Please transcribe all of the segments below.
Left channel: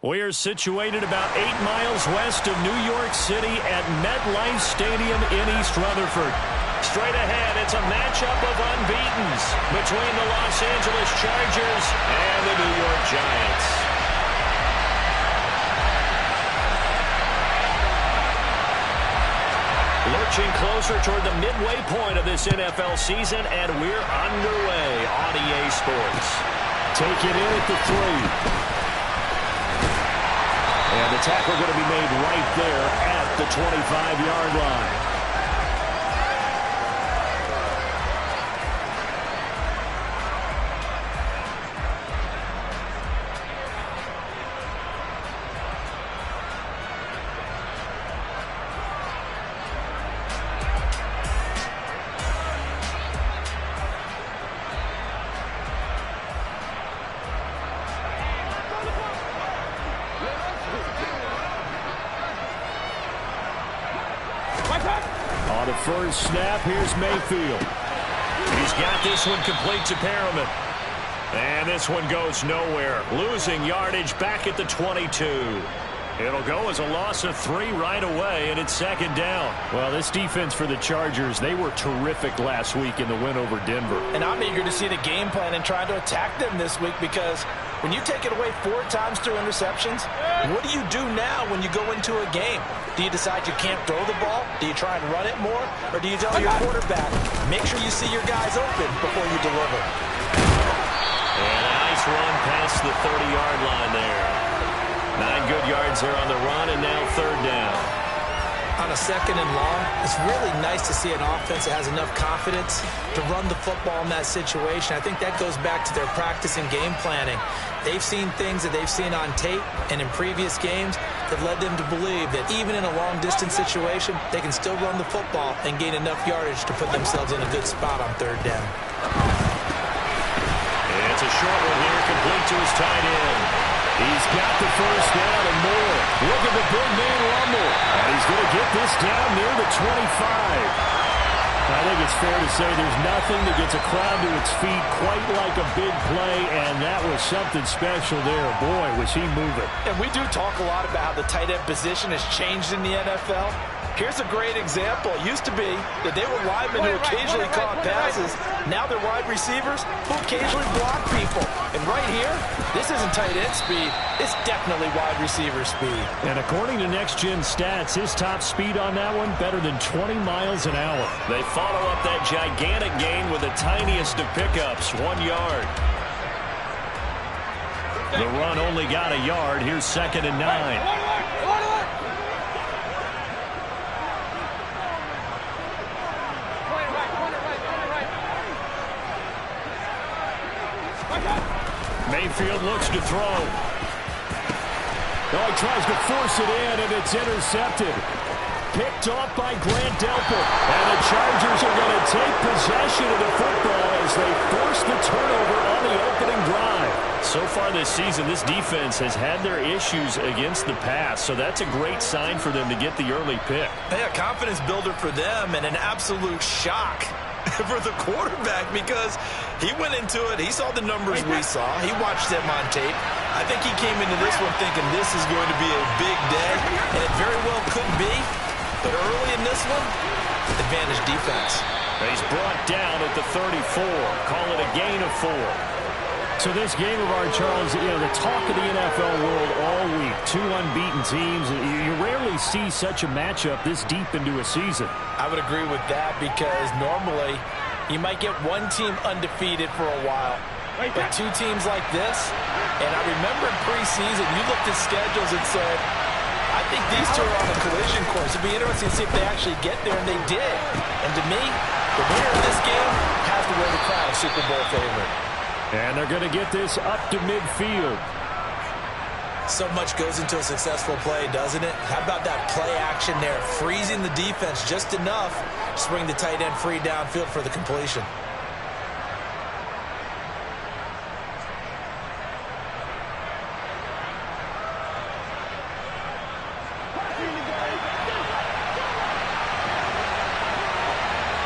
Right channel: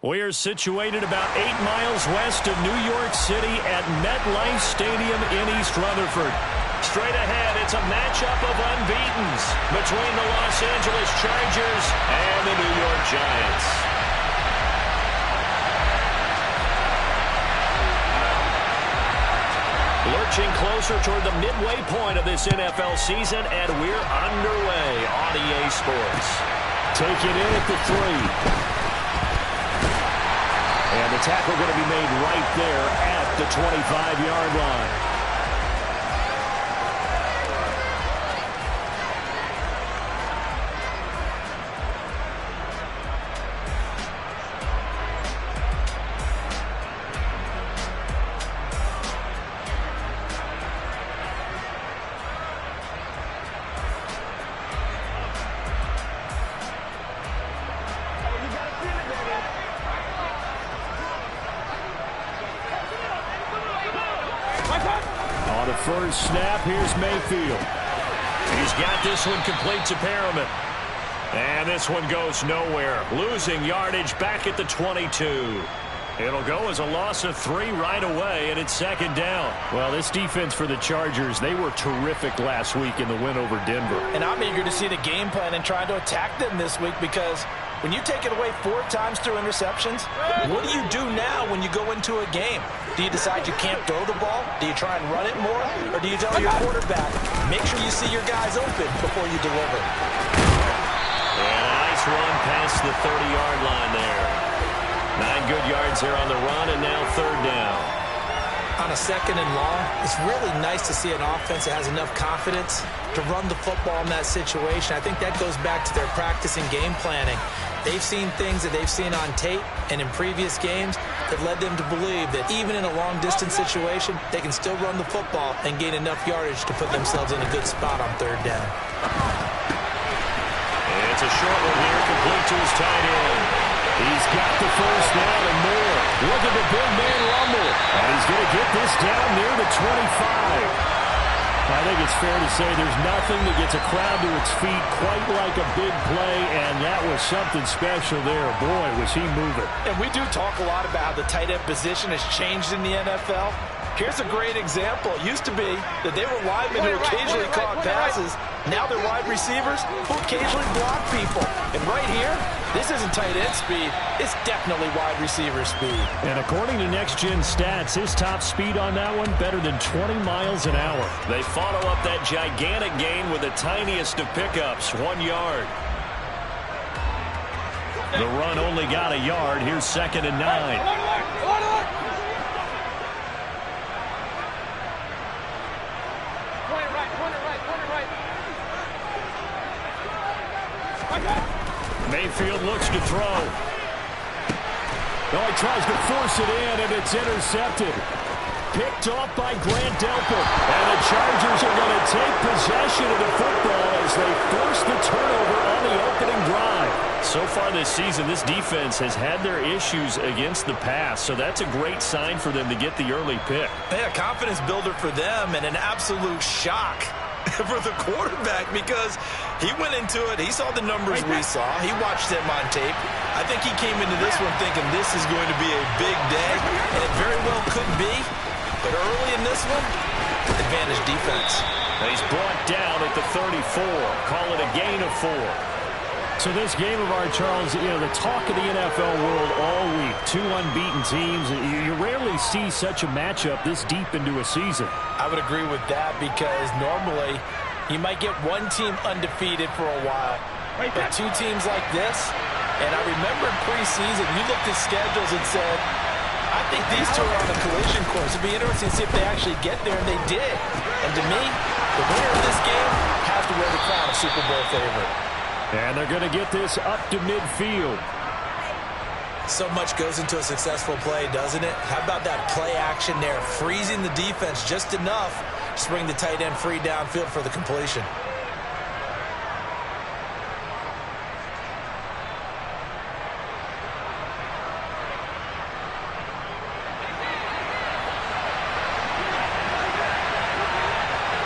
We're situated about 8 miles west of New York City at MetLife Stadium in East Rutherford. Straight ahead, it's a matchup of unbeatens between the Los Angeles Chargers and the New York Giants. Lurching closer toward the midway point of this NFL season, and we're underway on EA Sports. Take it in at the 3. And the tackle going to be made right there at the 25-yard line. On the first snap, here's Mayfield. He's got this one complete to Perriman. And this one goes nowhere. Losing yardage back at the 22. It'll go as a loss of 3 right away, and it's second down. Well, this defense for the Chargers, they were terrific last week in the win over Denver. And I'm eager to see the game plan and trying to attack them this week, because when you take it away 4 times through interceptions, what do you do now when you go into a game? Do you decide you can't throw the ball? Do you try and run it more? Or do you tell your quarterback, make sure you see your guys open before you deliver? And a nice run past the 30-yard line there. 9 good yards there on the run, and now third down. On a second and long, it's really nice to see an offense that has enough confidence to run the football in that situation. I think that goes back to their practice and game planning. They've seen things that they've seen on tape and in previous games that led them to believe that even in a long-distance situation, they can still run the football and gain enough yardage to put themselves in a good spot on third down. It's a short one here, complete to his tight end. He's got the first down and more. Look at the big man rumble. And he's going to get this down near the 25. I think it's fair to say there's nothing that gets a crowd to its feet quite like a big play, and that was something special there. Boy, was he moving. And we do talk a lot about how the tight end position has changed in the NFL. Here's a great example. It used to be that they were linemen who occasionally caught passes. Now they're wide receivers who occasionally block people. And right here, this isn't tight end speed. It's definitely wide receiver speed. And according to Next Gen Stats, his top speed on that one, better than 20 miles an hour. They follow up that gigantic gain with the tiniest of pickups, 1 yard. The run only got a yard. Here's second and 9. Mayfield looks to throw. No, he tries to force it in, and it's intercepted. Picked off by Grant Delpit. And the Chargers are going to take possession of the football as they force the turnover on the opening drive. So far this season, this defense has had their issues against the pass, so that's a great sign for them to get the early pick. Yeah, confidence builder for them, and an absolute shock for the quarterback, because he went into it, he saw the numbers we saw, he watched them on tape. I think he came into this one thinking this is going to be a big day, and it very well could be, but early in this one, advantage defense. He's brought down at the 34. Call it a gain of 4. So this game of ours, Charles, you know, the talk of the NFL world all week, 2 unbeaten teams. You rarely see such a matchup this deep into a season. I would agree with that, because normally you might get one team undefeated for a while. But 2 teams like this, and I remember in preseason, you looked at schedules and said, I think these 2 are on a collision course. It'd be interesting to see if they actually get there, and they did. And to me, the winner of this game has to wear the crown of Super Bowl favorite. And they're going to get this up to midfield. So much goes into a successful play, doesn't it? How about that play action there, freezing the defense just enough to bring the tight end free downfield for the completion.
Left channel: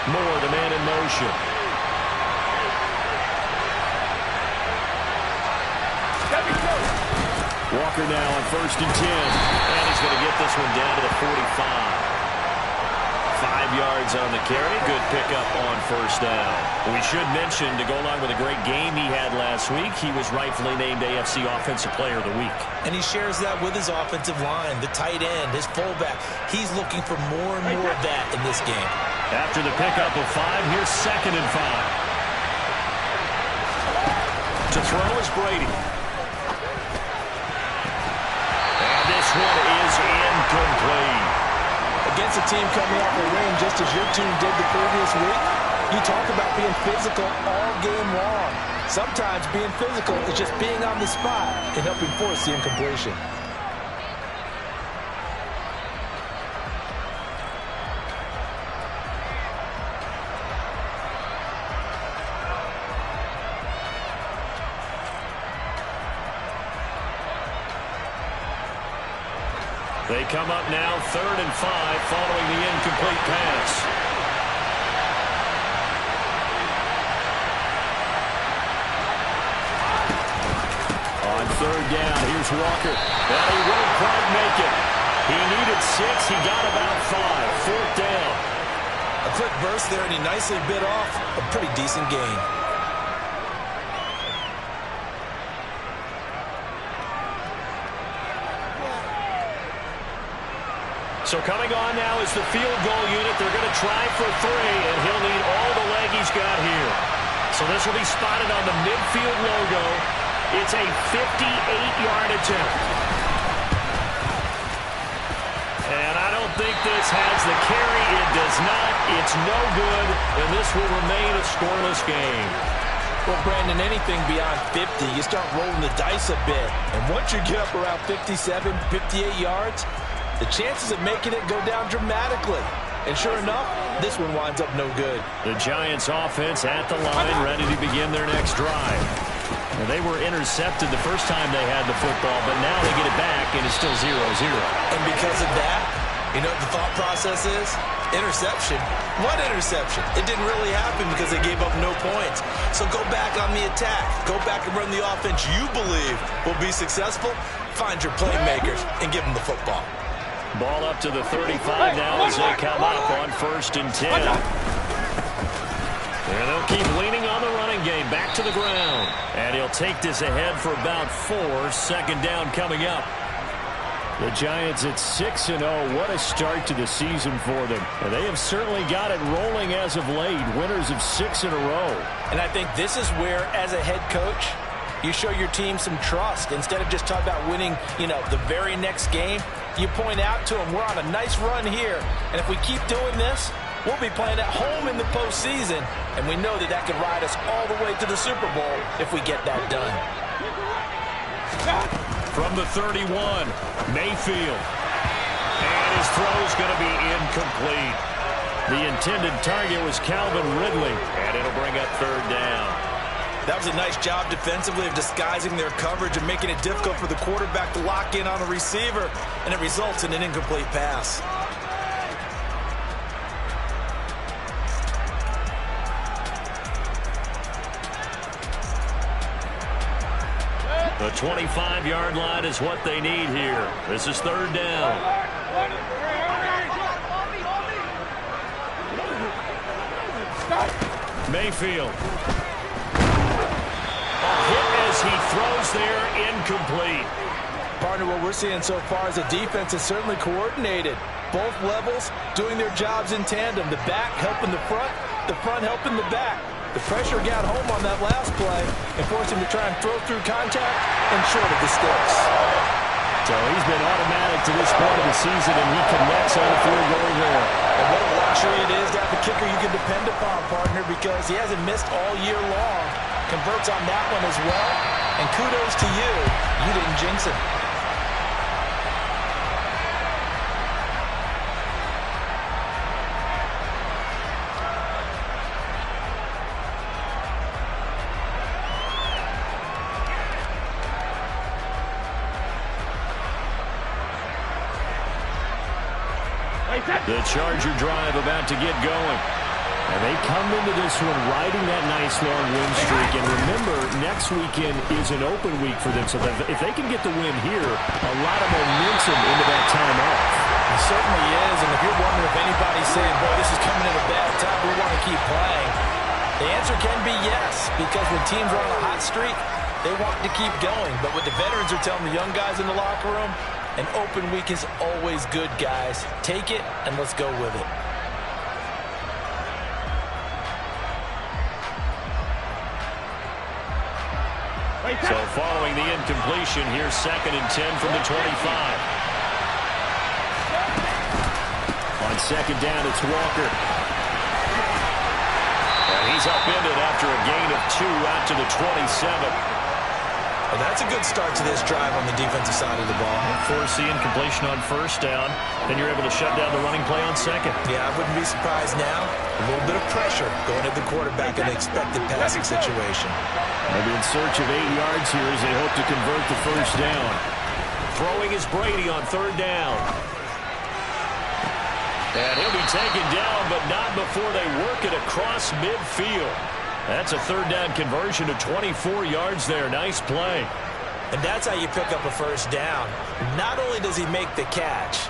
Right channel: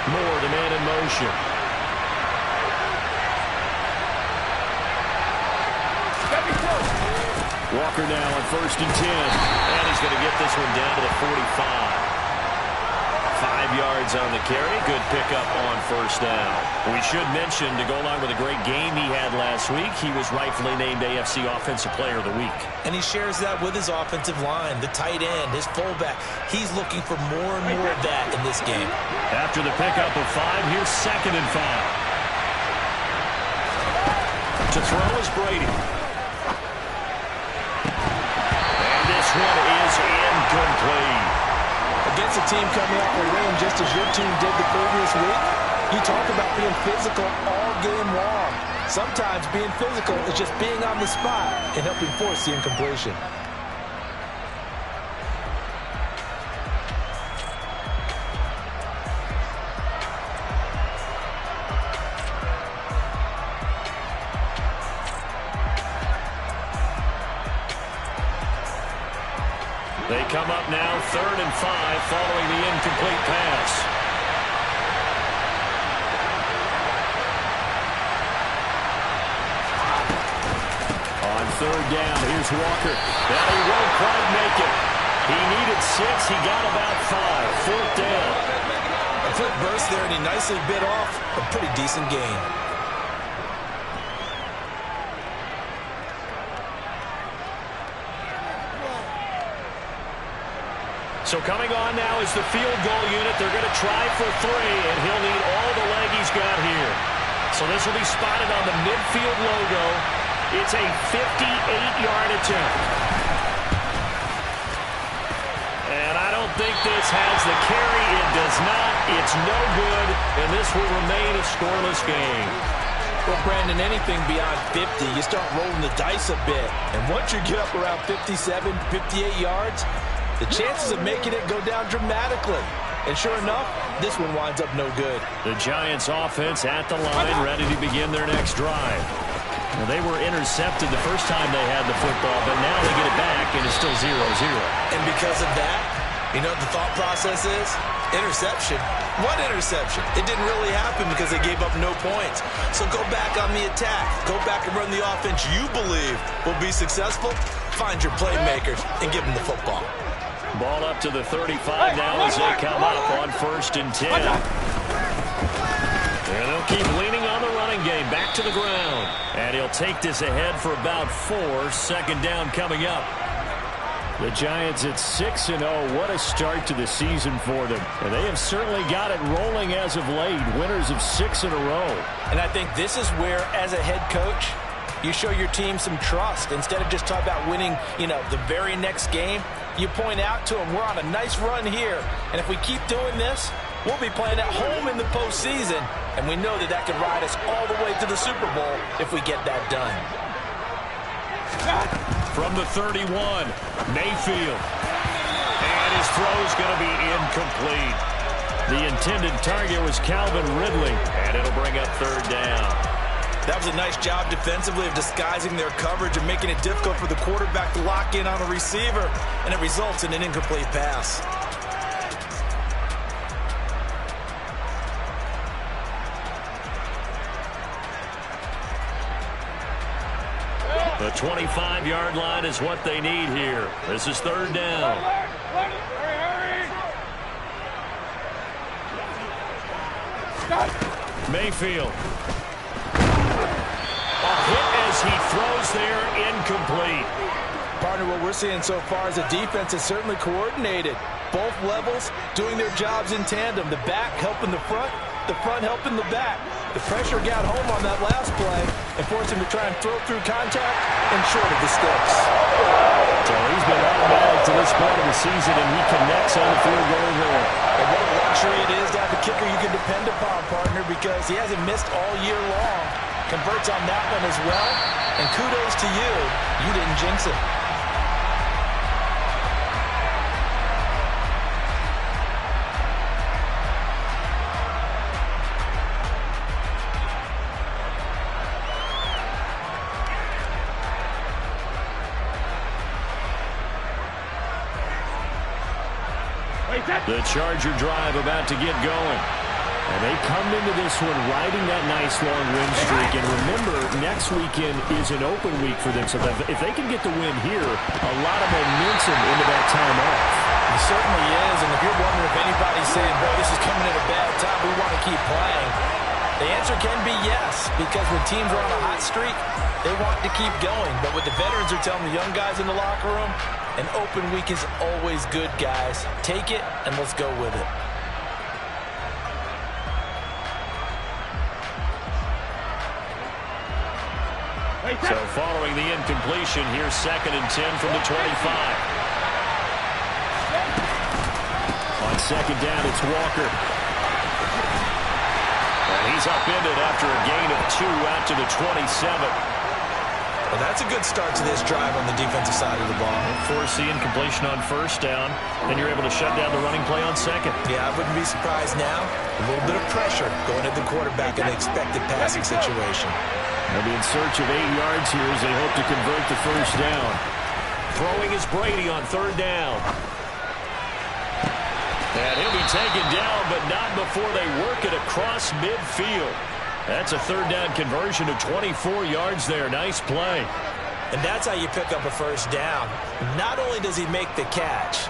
Moore, the man in motion. Walker now on 1st and 10. And he's going to get this one down to the 45. 5 yards on the carry. Good pickup on 1st down. We should mention, to go along with a great game he had last week, he was rightfully named AFC Offensive Player of the Week. And he shares that with his offensive line, the tight end, his fullback. He's looking for more and more of that in this game. After the pickup of 5, here's 2nd and 5. To throw is Brady. And this one is incomplete. Against a team coming off a win just as your team did the previous week, you talk about being physical all game long. Sometimes being physical is just being on the spot and helping force the incompletion. They come up now 3rd and 5 following the incomplete pass. On 3rd down, here's Walker. And he won't quite make it. He needed 6. He got about 5. 4th down. A quick burst there, and he nicely bit off a pretty decent gain. So coming on now is the field goal unit. They're going to try for 3, and he'll need all the leg he's got here. So this will be spotted on the midfield logo. It's a 58-yard attempt. And I don't think this has the carry. It does not. It's no good, and this will remain a scoreless game. Well, Brandon, anything beyond 50, you start rolling the dice a bit. And once you get up around 57, 58 yards, the chances of making it go down dramatically. And sure enough, this one winds up no good. The Giants offense at the line, ready to begin their next drive. Now, they were intercepted the first time they had the football, but now they get it back, and it's still 0-0. And because of that, you know what the thought process is? Interception. What interception? It didn't really happen because they gave up no points. So go back on the attack. Go back and run the offense you believe will be successful. Find your playmakers and give them the football. Ball up to the 35 now as they come up on 1st and 10. And they'll keep leaning on the running game. Back to the ground. And he'll take this ahead for about 4. 2nd down coming up. The Giants at 6-0. What a start to the season for them. And they have certainly got it rolling as of late. Winners of 6 in a row. And I think this is where, as a head coach, you show your team some trust. Instead of just talking about winning, the very next game, you point out to them, we're on a nice run here. And if we keep doing this, we'll be playing at home in the postseason. And we know that could ride us all the way to the Super Bowl if we get that done. From the 31, Mayfield. And his throw's going to be incomplete. The intended target was Calvin Ridley. And it'll bring up 3rd down. That was a nice job defensively of disguising their coverage and making it difficult for the quarterback to lock in on a receiver. And it results in an incomplete pass. The 25-yard line is what they need here. This is 3rd down. Mayfield. A hit as he throws there, incomplete. Partner, what we're seeing so far is the defense is certainly coordinated. Both levels doing their jobs in tandem. The back helping the front helping the back. The pressure got home on that last play and forced him to try and throw through contact and short of the sticks. So he's been automatic to this point of the season, and he connects on the field goal there. And what a luxury it is to have a kicker you can depend upon, partner, because he hasn't missed all year long. Converts on that one as well. And kudos to you. You didn't jinx it. The Charger drive about to get going. And they come into this one riding that nice long win streak. And remember, next weekend is an open week for them. So if they can get the win here, a lot of momentum into that time off. It certainly is. And if you're wondering if anybody's saying, boy, this is coming at a bad time, we want to keep playing, the answer can be yes. Because when teams are on a hot streak, they want to keep going. But what the veterans are telling the young guys in the locker room, an open week is always good, guys. Take it and let's go with it. So following the incompletion, here's 2nd and 10 from the 25. On 2nd down, it's Walker. And he's upended after a gain of 2 out to the 27. Well, that's a good start to this drive on the defensive side of the ball. And force the incompletion on 1st down. Then you're able to shut down the running play on 2nd. Yeah, I wouldn't be surprised now. A little bit of pressure going at the quarterback in the expected passing situation. They'll be in search of 8 yards here as they hope to convert the 1st down. Throwing is Brady on 3rd down. And he'll be taken down, but not before they work it across midfield. That's a 3rd down conversion of 24 yards there. Nice play. And that's how you pick up a 1st down. Not only does he make the catch,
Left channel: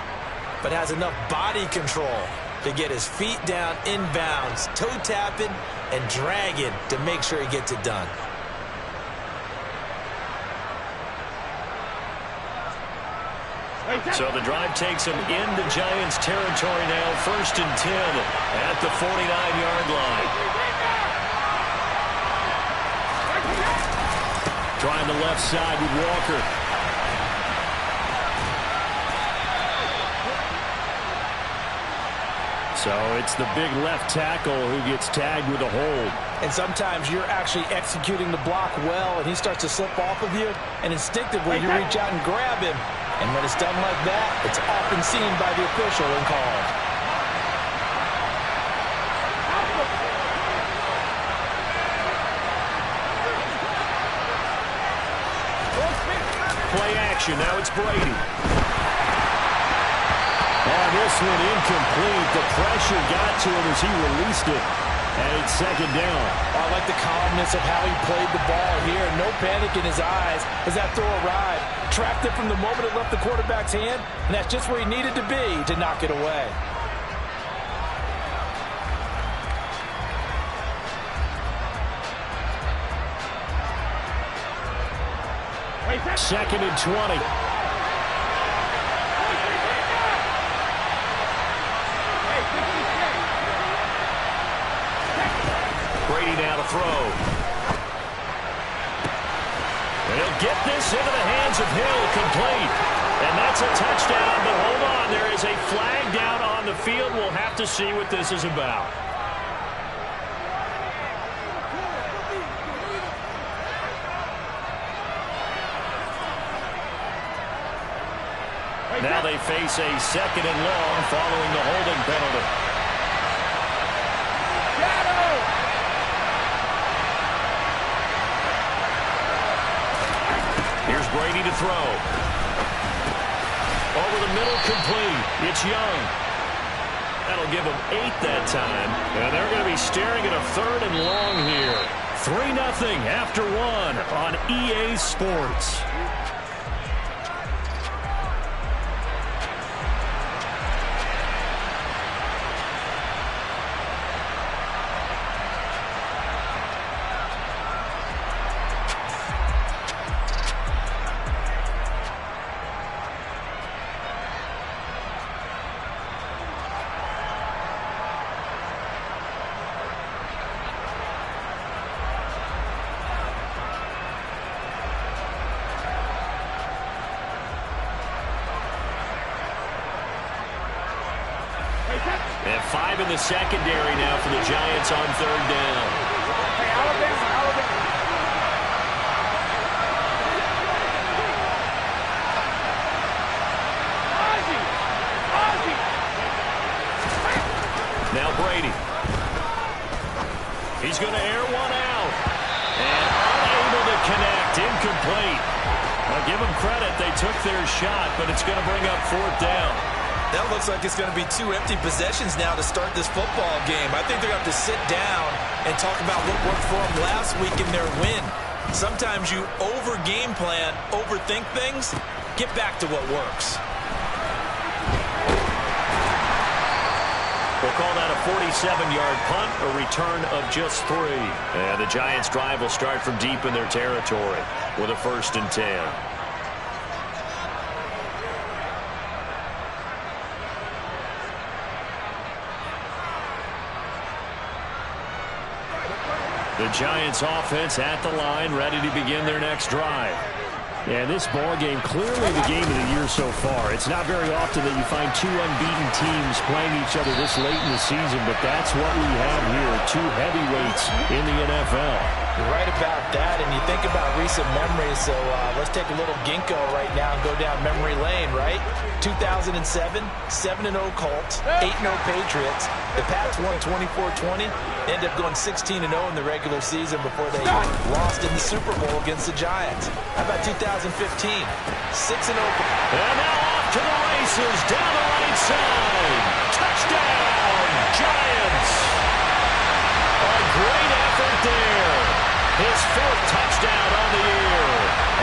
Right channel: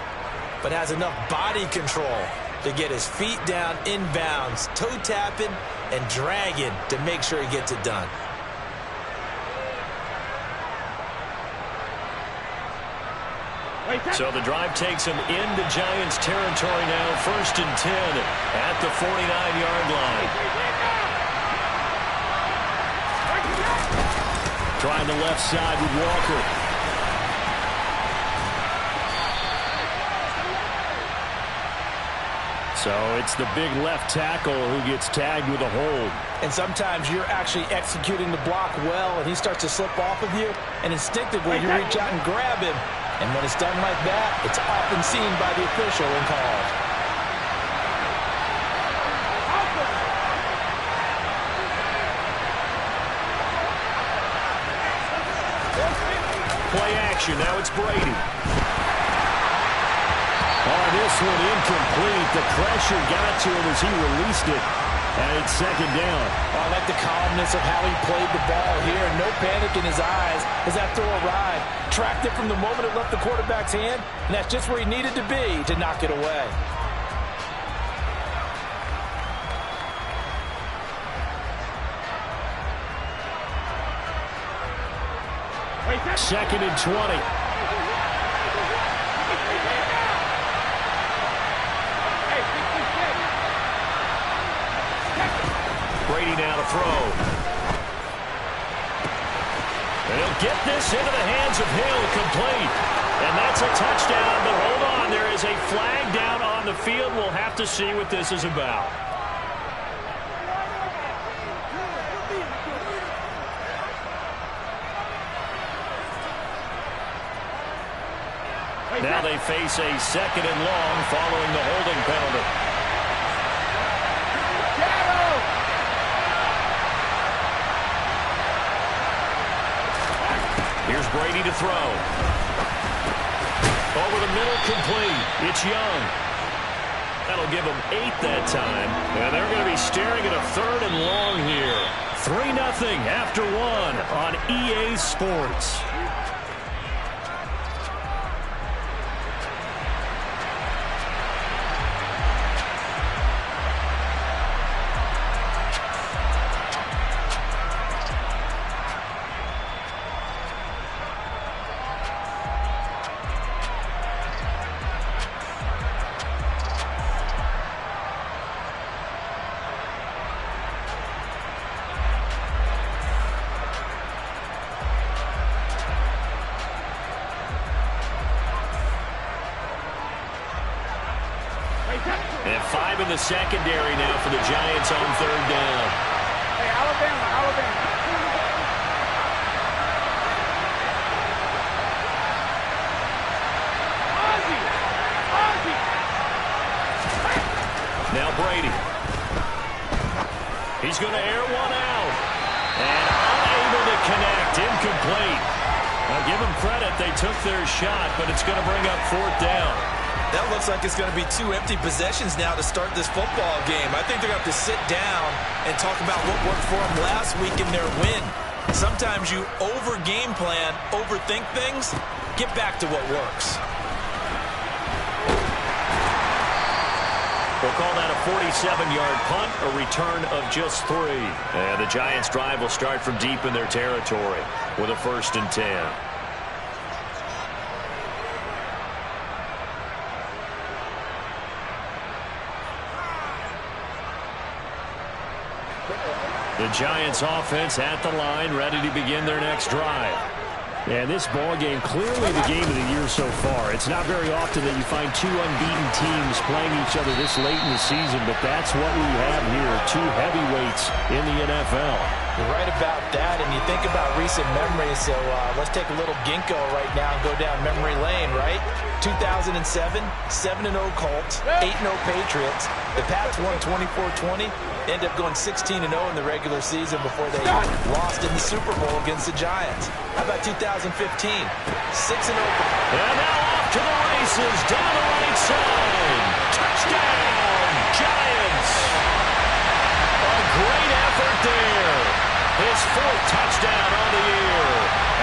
but has enough body control to get his feet down inbounds, toe tapping and dragging to make sure he gets it done. So the drive takes him into Giants territory now. 1st and 10 at the 49-yard line. Trying the left side with Walker. So it's the big left tackle who gets tagged with a hold. And sometimes you're actually executing the block well, and he starts to slip off of you, and instinctively you reach out and grab him. And when it's done like that, it's often seen by the official and called. Play action. Now it's Brady. Oh, this one incomplete. The pressure got to him as he released it. And it's 2nd down. I like the calmness of how he played the ball here. No panic in his eyes as that throw arrived. Tracked it from the moment it left the quarterback's hand, and that's just where he needed to be to knock it away. Second and 20. Brady now to throw. And he'll get this into the hands of Hill, complete. And that's a touchdown, but hold on, there is a flag down on the field. We'll have to see what this is about. Now they face a 2nd and long following the holding penalty. Here's Brady to throw. Over the middle, complete. It's Young. That'll give them 8 that time. And they're going to be staring at a 3rd and long here. 3-0 after 1 on EA Sports. And 5 in the secondary now for the Giants on 3rd down. Hey, Alabama. Ozzie. Now Brady. He's going to air one out. And unable to connect. Incomplete. Now give them credit. They took their shot, but it's going to bring up 4th down. That looks like it's going to be 2 empty possessions now to start this football game. I think they're going to have to sit down and talk about what worked for them last week in their win. Sometimes you over-game plan, overthink things. Get back to what works. We'll call that a 47-yard punt, a return of just 3. And the Giants' drive will start from deep in their territory with a 1st and 10. The Giants offense at the line, ready to begin their next drive. And this ball game, clearly the game of the year so far. It's not very often that you find 2 unbeaten teams playing each other this late in the season, but that's what we have here, 2 heavyweights in the NFL. You're right about that, and you think about recent memories, so let's take a little ginkgo right now and go down memory lane, right? 2007, 7-0 Colts, 8-0 Patriots. The Pats won 24-20, ended up going 16-0 in the regular season before they lost in the Super Bowl against the Giants. How about 2015? 6-0. And now off to the races, down the right side. Touchdown, Giants. A great effort there. His 4th touchdown on the year.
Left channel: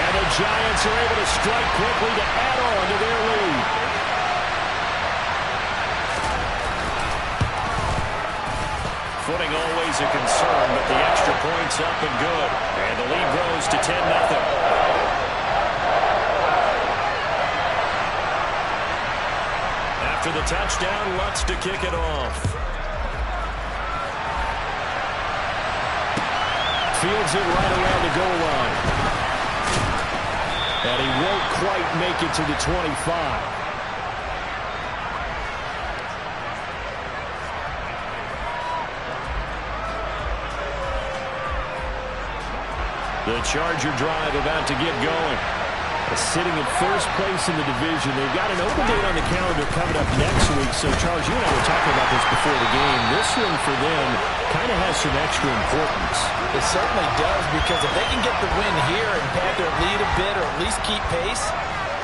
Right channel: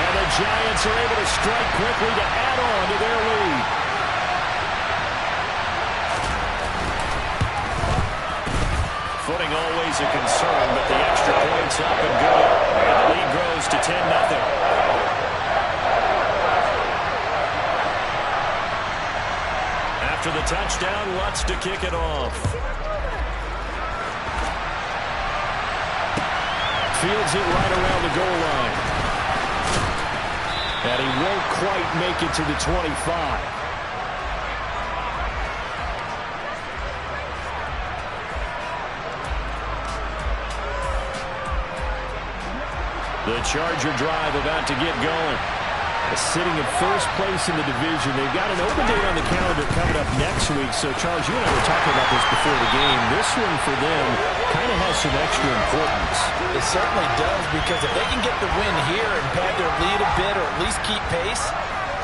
And the Giants are able to strike quickly to add on to their lead. Footing always a concern, but the extra point's up and good. And the lead grows to 10-0. After the touchdown, Lutz to kick it off. Fields it right around the goal line. And he won't quite make it to the 25. The Charger drive about to get going. Sitting in first place in the division. They've got an open date on the calendar coming up next week. So, Charles, you and I were talking about this before the game. This one for them kind of has some extra importance. It certainly does, because if they can get the win here and pad their lead a bit or at least keep pace,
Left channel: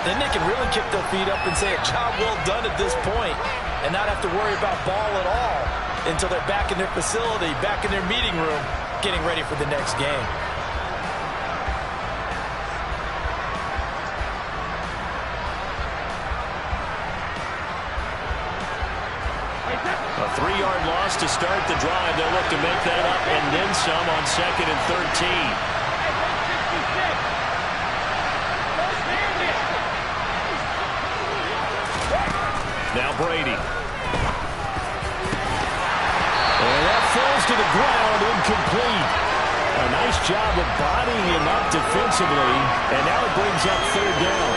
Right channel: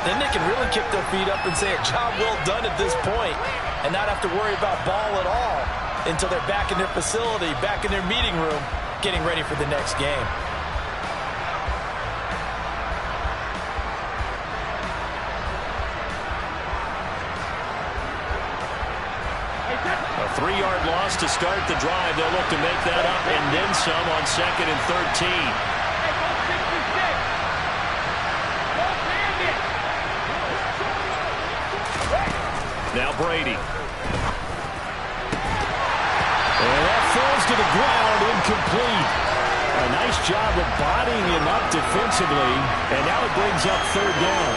then they can really kick their feet up and say a job well done at this point and not have to worry about ball at all until they're back in their facility, back in their meeting room, getting ready for the next game. A 3-yard loss to start the drive. They'll look to make that up and then some on 2nd and 13. Hey, go 66. Go Bandit. Now Brady. And that falls to the ground, incomplete. A nice job of bodying him up defensively, and now it brings up 3rd down.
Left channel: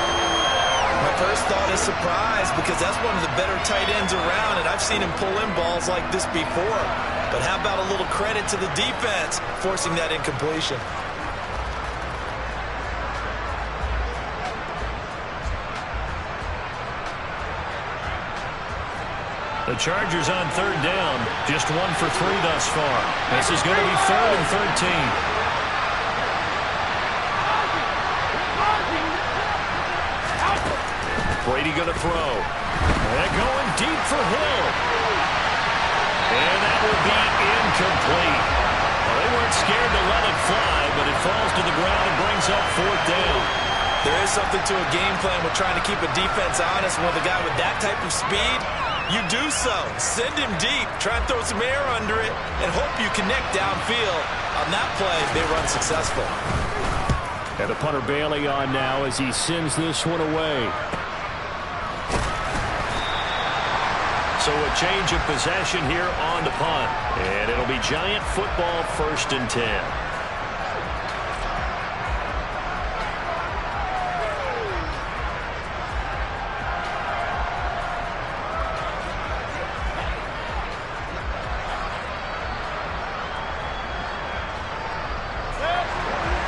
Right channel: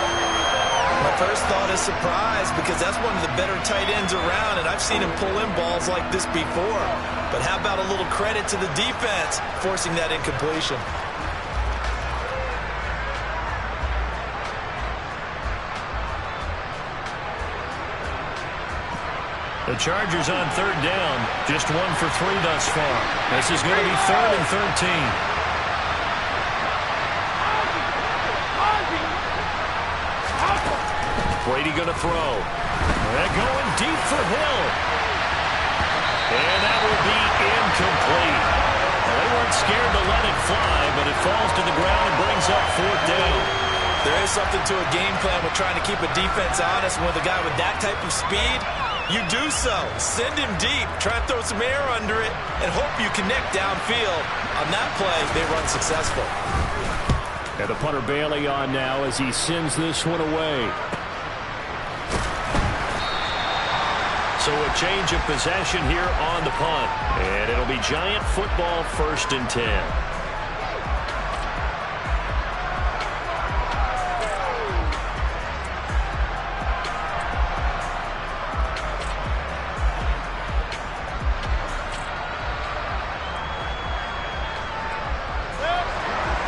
My first thought is surprise, because that's one of the better tight ends around, and I've seen him pull in balls like this before. But how about a little credit to the defense forcing that incompletion? The Chargers on 3rd down, just 1 for 3 thus far. This is going to be 3rd and 13. Brady going to throw. They're going deep for Hill. And that will be incomplete. Well, they weren't scared to let it fly, but it falls to the ground and brings up 4th down. There is something to a game plan with trying to keep a defense honest. With a guy with that type of speed, you do so. Send him deep. Try and throw some air under it and hope you connect downfield. On that play, they run successful. And the punter Bailey on now as he sends this one away. So a change of possession here on the punt. And it'll be Giant football, 1st and 10.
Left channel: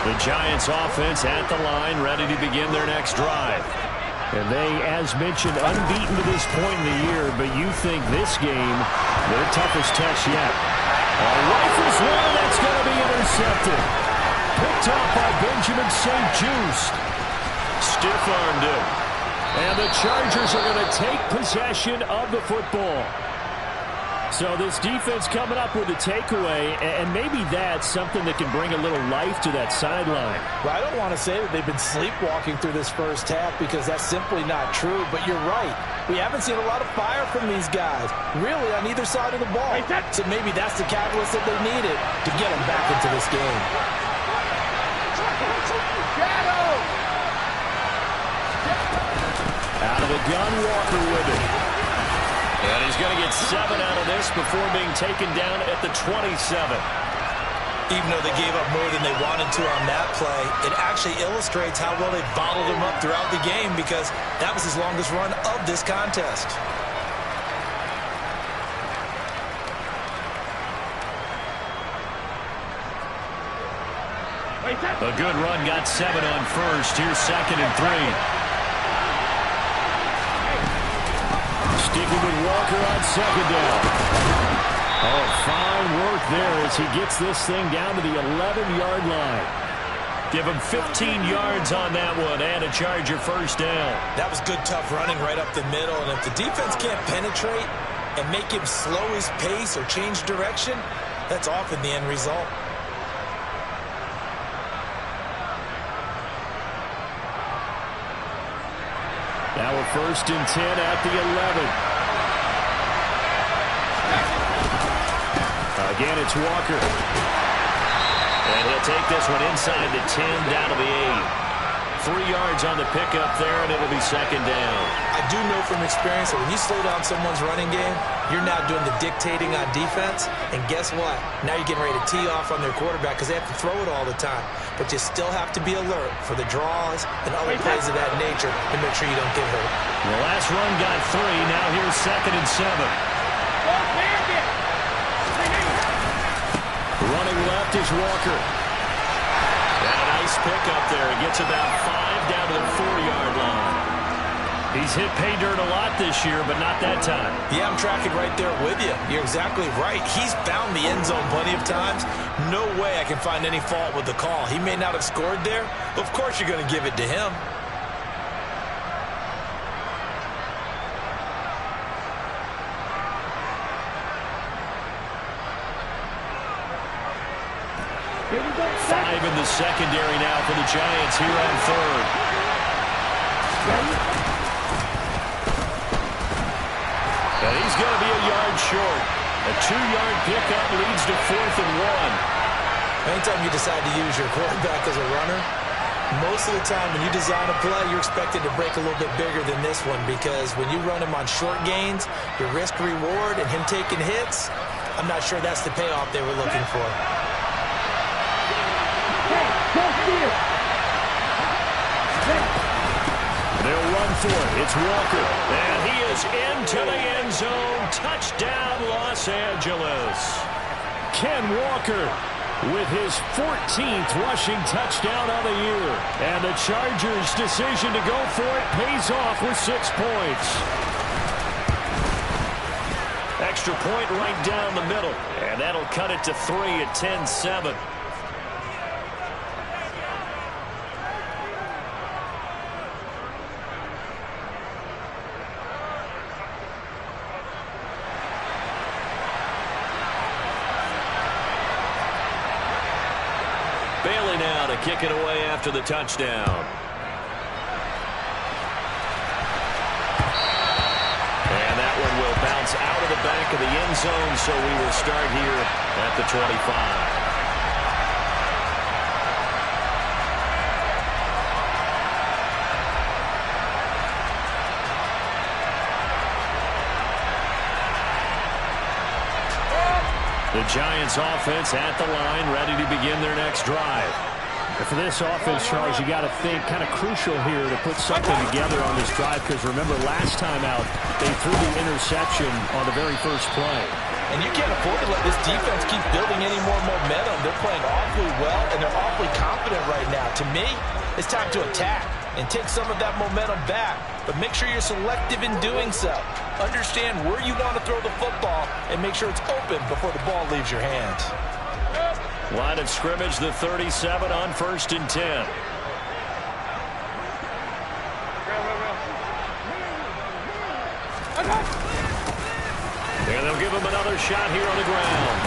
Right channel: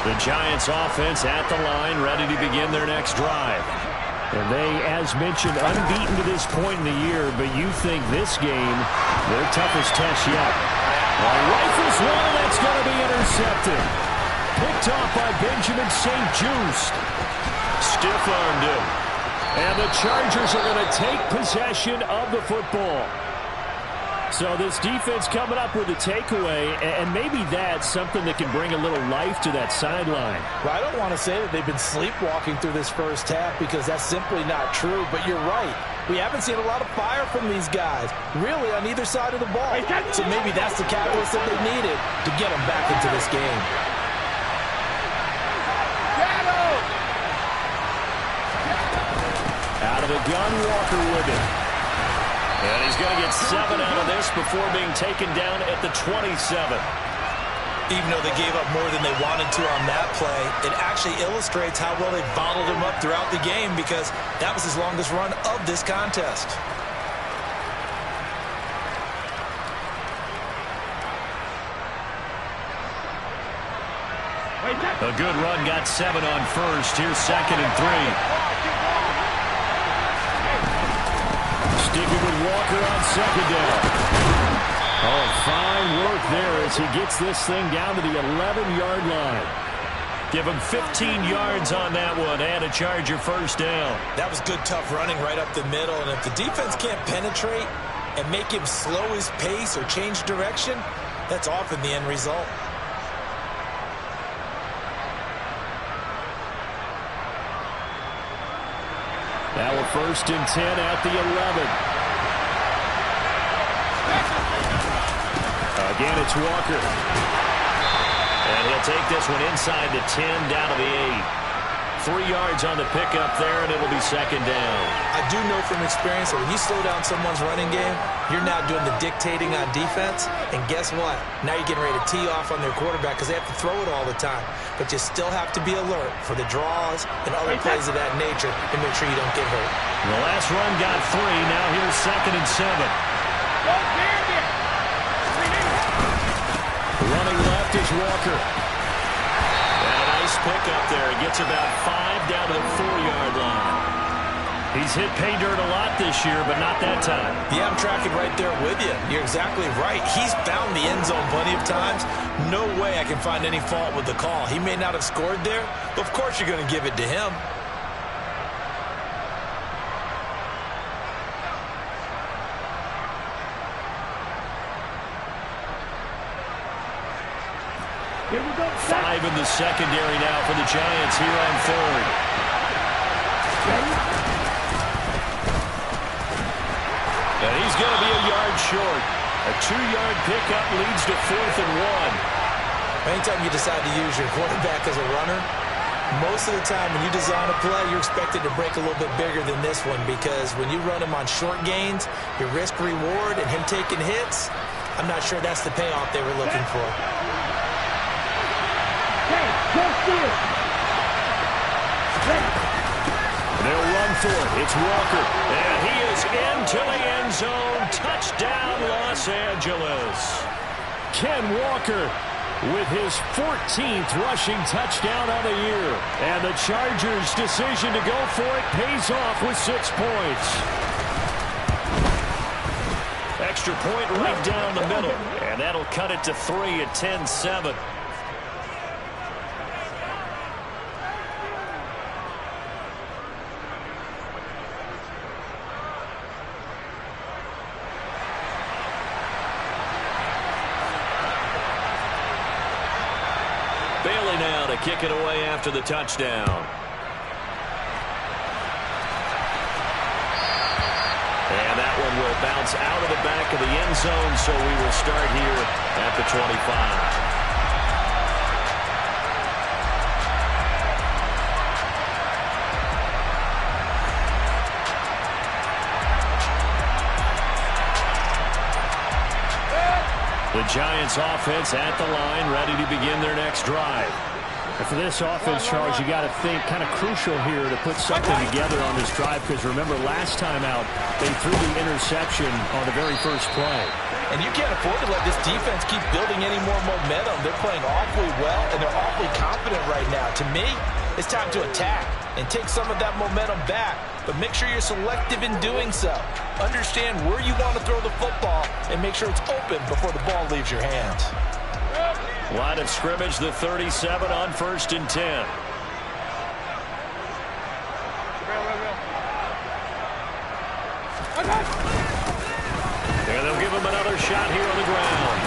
The Giants offense at the line, ready to begin their next drive. And they, as mentioned, unbeaten to this point in the year, but you think this game, their toughest test yet. Rifles one, and that's going to be intercepted. Picked off by Benjamin St. Just. Stiff-armed him. And the Chargers are going to take possession of the football. So this defense coming up with a takeaway, and maybe that's something that can bring a little life to that sideline. Well, I don't want to say that they've been sleepwalking through this first half because that's simply not true, but you're right. We haven't seen a lot of fire from these guys, really, on either side of the ball. So maybe that's the catalyst that they needed to get them back into this game. Out of the gun, Walker with it. And he's going to get 7 out of this before being taken down at the 27. Even though they gave up more than they wanted to on that play, it actually illustrates how well they bottled him up throughout the game because that was his longest run of this contest. A good run, got 7 on first. Here's 2nd and 3. Sticking with Walker on 2nd down. Oh, fine work there as he gets this thing down to the 11-yard line. Give him 15 yards on that one and a Charger first down. That was good, tough running right up the middle. And if the defense can't penetrate and make him slow his pace or change direction, that's often the end result. Now we're 1st and 10 at the 11. Again, it's Walker. And he'll take this one inside the 10 down to the 8. 3 yards on the pickup there, and it'll be 2nd down. I do know from experience that when you slow down someone's running game, you're now doing the dictating on defense. And guess what? Now you're getting ready to tee off on their quarterback because they have to throw it all the time. But you still have to be alert for the draws and other plays of that nature to make sure you don't get hurt. The last run got 3. Now here's 2nd and 7. Go Bandit! Running left is Walker. And a nice pickup there. He gets about 5 down to the 4-yard line. He's hit pay dirt a lot this year, but not that time. Yeah, I'm tracking right there with you. You're exactly right. He's found the end zone plenty of times. No way I can find any fault with the call. He may not have scored there, but of course you're going to give it to him. Here we go. 5 in the secondary now for the Giants here on 3rd. And he's going to be a yard short. A 2-yard pickup leads to 4th and 1. Anytime you decide to use your quarterback as a runner, most of the time when you design a play, you're expected to break a little bit bigger than this one because when you run him on short gains, your risk-reward and him taking hits, I'm not sure that's the payoff they were looking for. They'll run for it. It's Walker. And he is into the end zone. Touchdown, Los Angeles. Ken Walker with his 14th rushing touchdown of the year. And the Chargers' decision to go for it pays off with 6 points. Extra point right down the middle. And that'll cut it to 3 at 10-7. Bailey now to kick it away after the touchdown. And that one will bounce out of the back of the end zone, so we will start here at the 25. The Giants offense at the line, ready to begin their next drive. And for this offense, Charles, you got to think kind of crucial here to put something together on this drive because remember last time out they threw the interception on the very first play. And you can't afford to let this defense keep building any more momentum. They're playing awfully well and they're awfully confident right now. To me, it's time to attack and take some of that momentum back. But make sure you're selective in doing so. Understand where you want to throw the football and make sure it's open before the ball leaves your hands. Line of scrimmage, the 37 on 1st and 10. And they'll give him another shot here on the ground.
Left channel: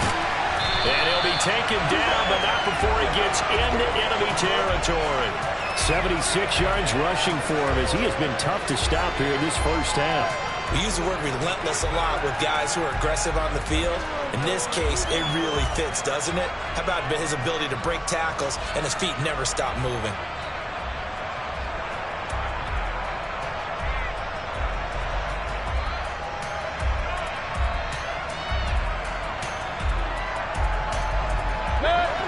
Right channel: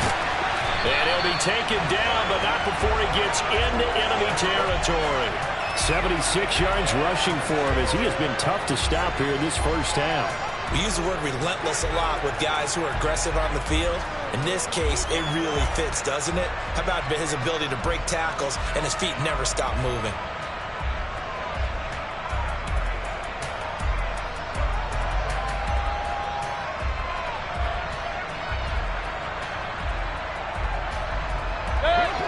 And he'll be taken down, but not before he gets into enemy territory. 76 yards rushing for him as he has been tough to stop here in this first half. We use the word relentless a lot with guys who are aggressive on the field. In this case, it really fits, doesn't it? How about his ability to break tackles and his feet never stop moving?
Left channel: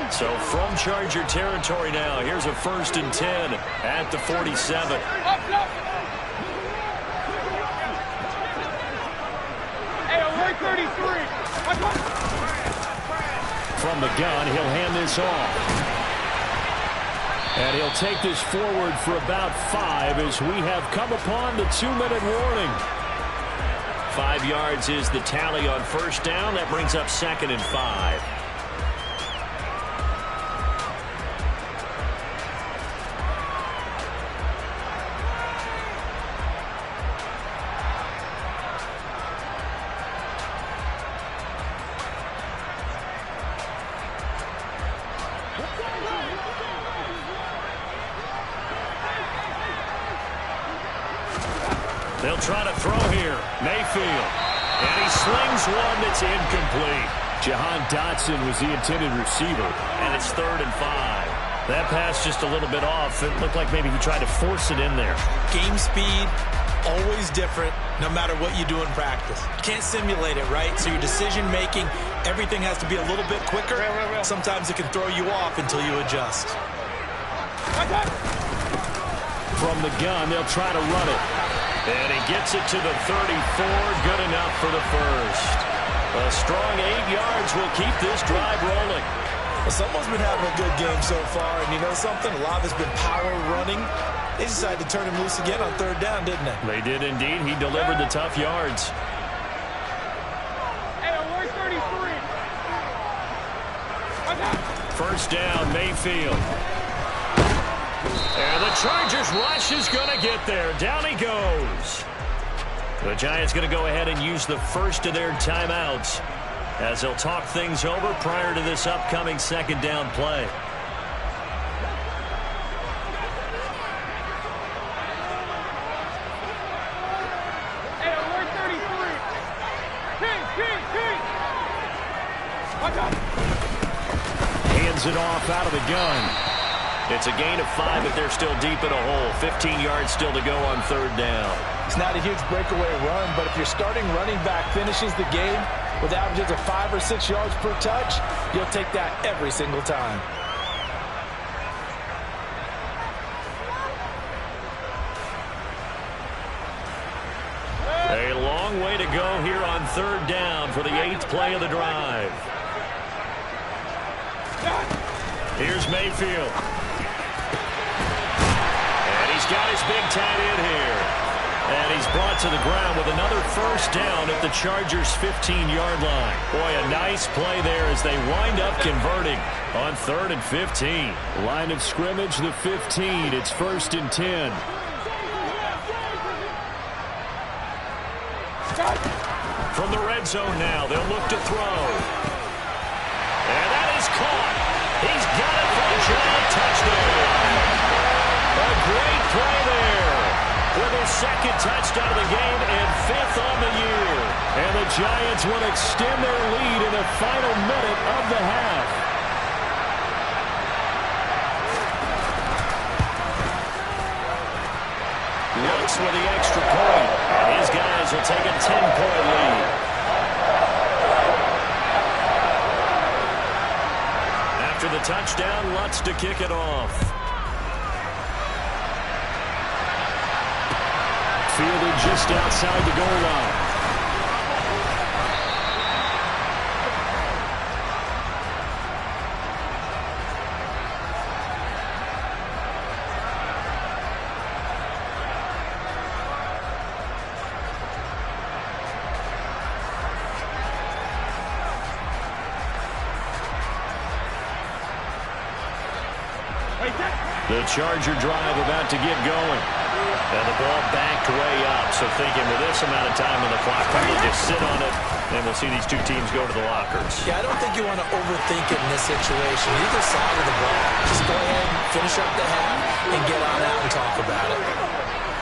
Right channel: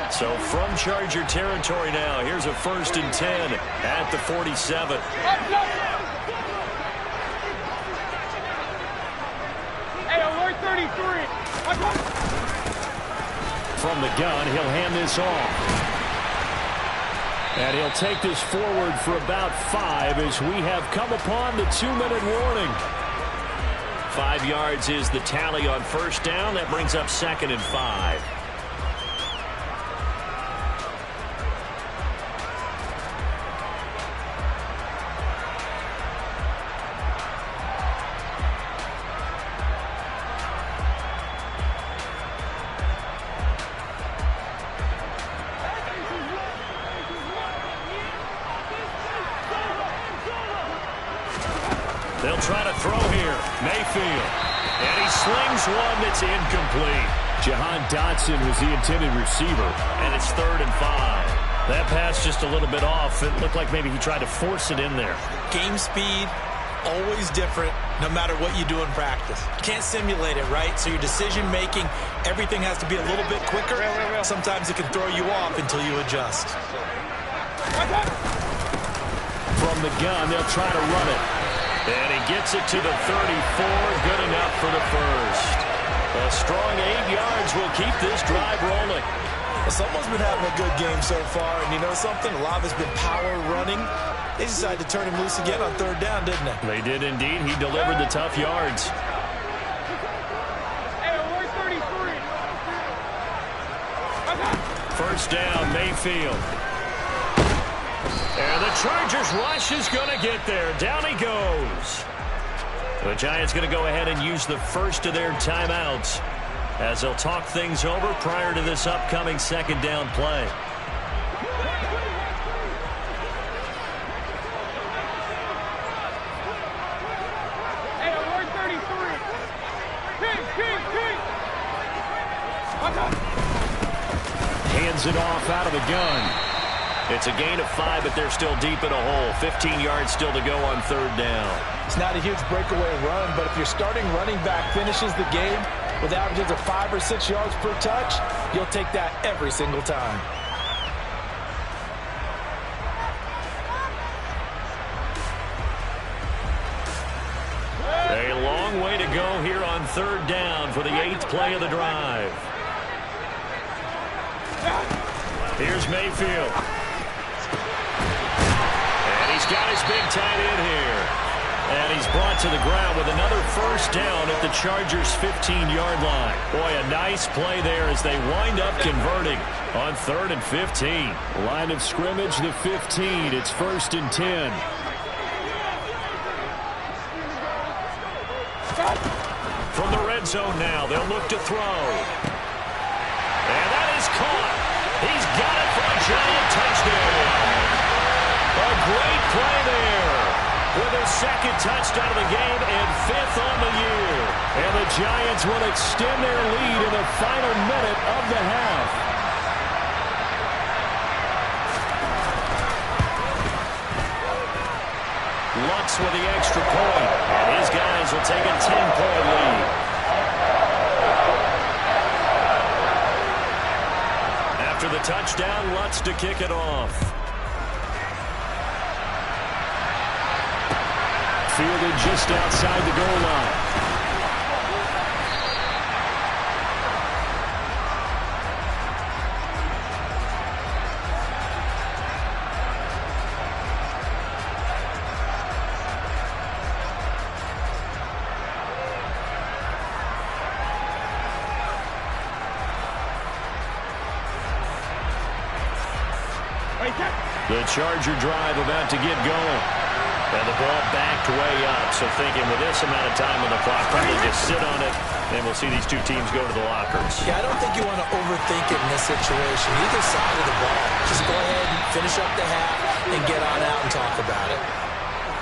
So from Charger territory now, here's a 1st and 10 at the 47. Hey, alert 33. From the gun, he'll hand this off. And he'll take this forward for about 5 as we have come upon the 2-minute warning. 5 yards is the tally on 1st down. That brings up 2nd and 5. They'll try to throw here. Mayfield. And he slings one that's incomplete. Jahan Dotson was the intended receiver. And it's 3rd and 5. That pass just a little bit off. It looked like maybe he tried to force it in there. Game speed, always different, no matter what you do in practice. You can't simulate it, right? So your decision-making, everything has to be a little bit quicker. Sometimes it can throw you off until you adjust. From the gun, they'll try to run it. And he gets it to the 34. Good enough for the 1st. A strong 8 yards will keep this drive rolling. Well, someone's been having a good game so far, and you know something? A lot of it's been power running. They decided to turn him loose again on 3rd down, didn't they? They did indeed. He delivered the tough yards. Hey, alert 33. 1st down, Mayfield. And the Chargers rush is going to get there. Down he goes. The Giants going to go ahead and use the first of their timeouts as they'll talk things over prior to this upcoming 2nd down play. Hey, alert 33. King. Hands it off out of the gun. It's a gain of 5, but they're still deep in a hole. 15 yards still to go on 3rd down. It's not a huge breakaway run, but if your starting running back finishes the game with averages of 5 or 6 yards per touch, you'll take that every single time. A long way to go here on 3rd down for the 8th play of the drive. Here's Mayfield. And he's got his big tight end here. And he's brought to the ground with another 1st down at the Chargers' 15-yard line. Boy, a nice play there as they wind up converting on 3rd and 15. Line of scrimmage, the 15. It's 1st and 10. From the red zone now, they'll look to throw. And that is caught. He's got it for a giant touchdown. A great play there with his 2nd touchdown of the game and 5th on the year. And the Giants will extend their lead in the final minute of the half. Lutz with the extra point, and his guys will take a 10-point lead. After the touchdown, Lutz to kick it off. Fielded just outside the goal line. The Charger drive about to get going. And the ball backed way up, so thinking with this amount of time on the clock, probably just sit on it, and we'll see these two teams go to the lockers. Yeah, I don't think you want to overthink it in this situation. Either side of the ball. Just go ahead and finish up the half and get on out and talk about it.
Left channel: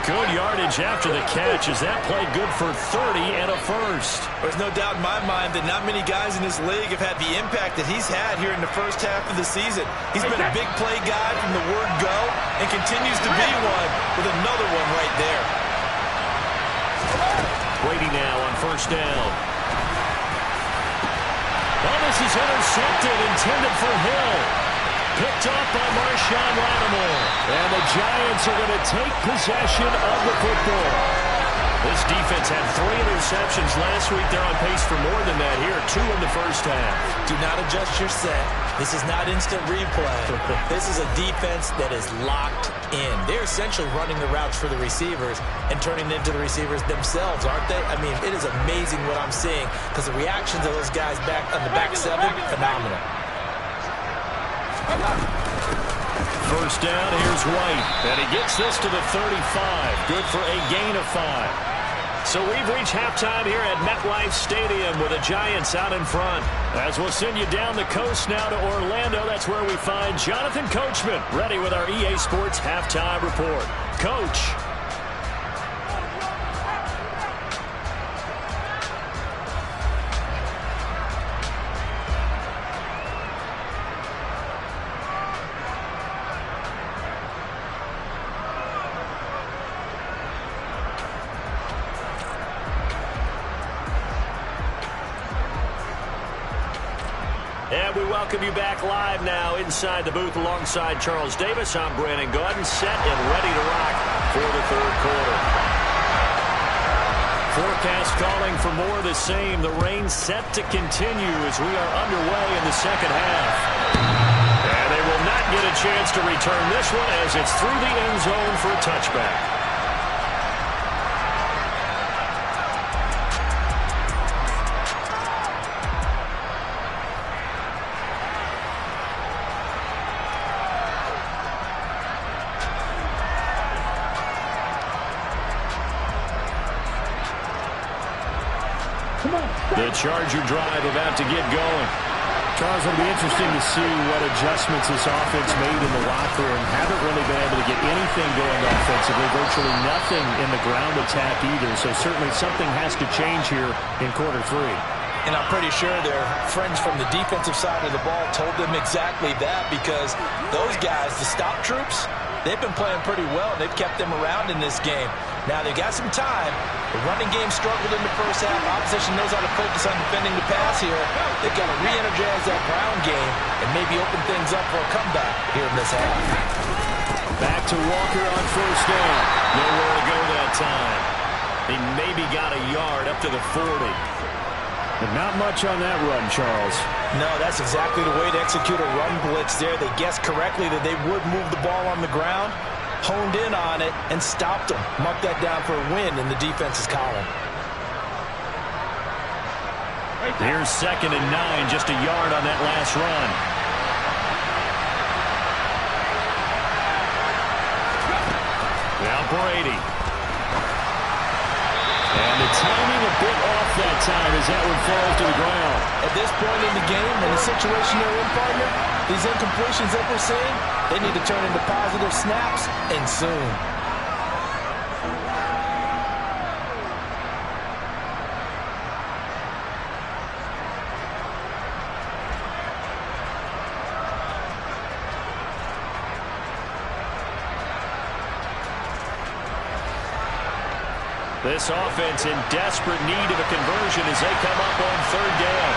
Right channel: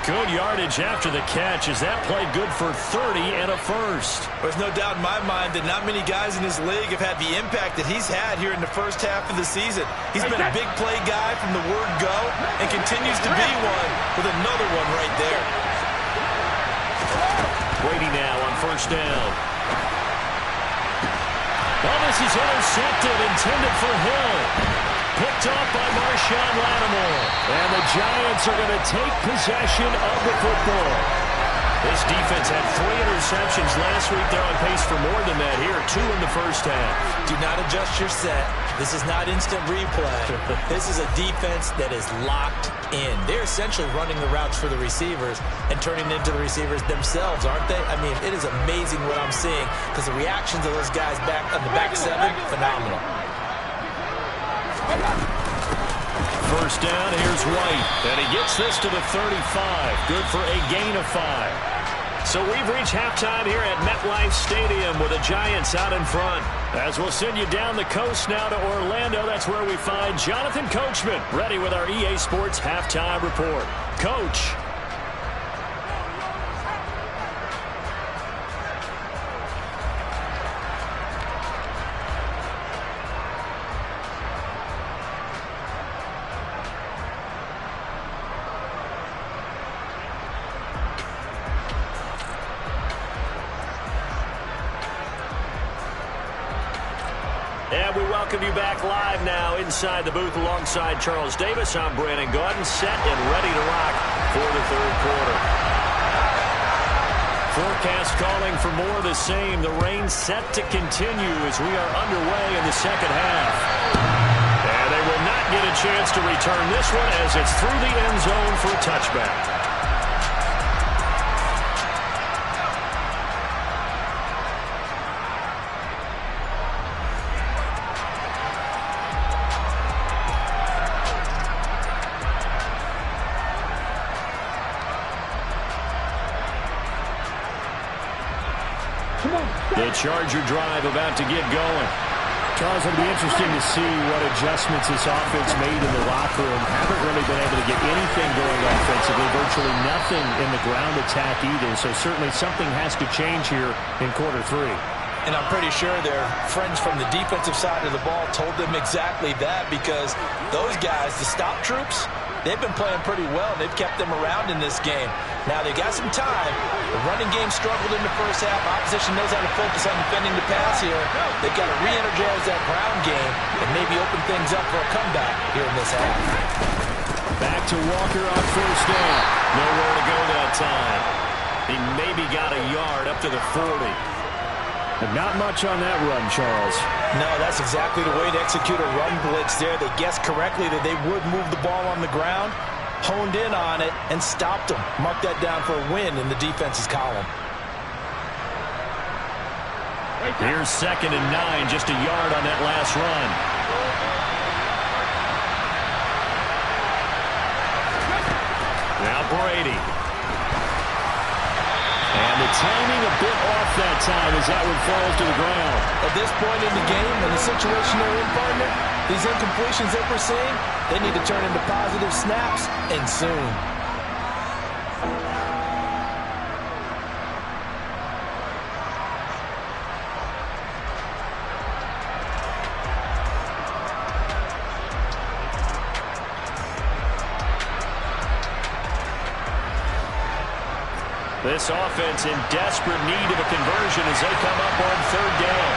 Good yardage after the catch as that play good for 30 and a first. There's no doubt in my mind that not many guys in this league have had the impact that he's had here in the first half of the season. He's been a big play guy from the word go and continues to be one with another one right there. Brady now on first down. Oh, this is intercepted, intended for Hill. Picked off by Marshawn Lattimore. And the Giants are going to take possession of the football. This defense had 3 interceptions last week. They're on pace for more than that here. 2 in the first half. Do not adjust your set. This is not instant replay. This is a defense that is locked in. They're essentially running the routes for the receivers and turning into the receivers themselves, aren't they? I mean, it is amazing what I'm seeing because the reactions of those guys back on the back 7, phenomenal. First down, here's White. And he gets this to the 35. Good for a gain of 5. So we've reached halftime here at MetLife Stadium with the Giants out in front. As we'll send you down the coast now to Orlando, that's where we find Jonathan Coachman ready with our EA Sports Halftime Report. Coach. And we welcome you back live now inside the booth alongside Charles Davis. I'm Brandon Gaudin, set and ready to rock for the third quarter. Forecast calling for more of the same. The rain set to continue as we are underway in the second half. And they will not get a chance to return this one as it's through the end zone for a touchback. The Charger drive about to get going. Charles, it'll be interesting to see what adjustments this offense made in the locker room. Haven't really been able to get anything going offensively, virtually nothing in the ground attack either. So certainly something has to change here in quarter 3. And I'm pretty sure their friends from the defensive side of the ball told them exactly that because those guys, the stop troops, they've been playing pretty well, and they've kept them around in this game. Now, they've got some time. The running game struggled in the first half. Opposition knows how to focus on defending the pass here. They've got to re-energize that ground game and maybe open things up for a comeback here in this half. Back to Walker on first down. Nowhere to go that time. He maybe got a yard up to the 40. But not much on that run, Charles. No, that's exactly the way to execute a run blitz there. They guessed correctly that they would move the ball on the ground, honed in on it, and stopped them. Mark that down for a win in the defense's column. Here's 2nd and 9, just a yard on that last run. Now Brady. And the timing a bit off that time as that one falls to the ground. At this point in the game, in the situation they're in, partner, these incompletions that we're seeing, they need to turn into positive snaps, and soon. This offense in desperate need of a conversion as they come up on 3rd down.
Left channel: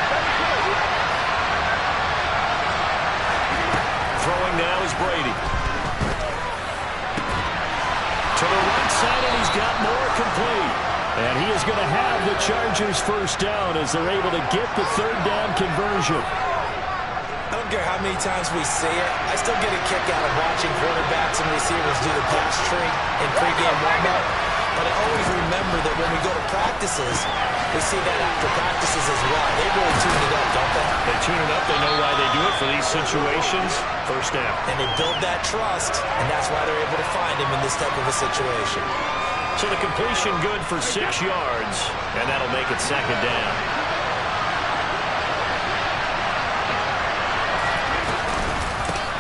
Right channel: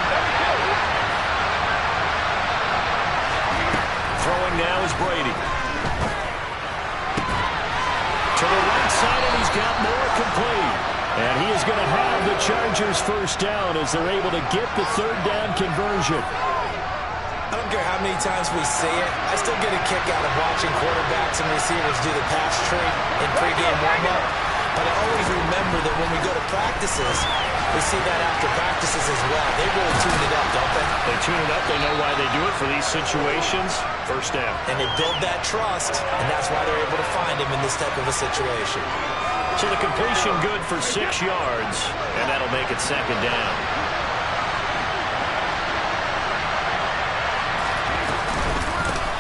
Throwing now is Brady. To the right side, and he's got more complete. And he is going to have the Chargers first down as they're able to get the 3rd down conversion. I don't care how many times we see it. I still get a kick out of watching quarterbacks and receivers do the pass tree in pregame warm-up. But I always remember that when we go to practices, We see that after practices as well. They really tune it up, don't they? They tune it up. They know why they do it for these situations. First down. And they build that trust, and that's why they're able to find him in this type of a situation. So the completion good for 6 yards, and that'll make it second down.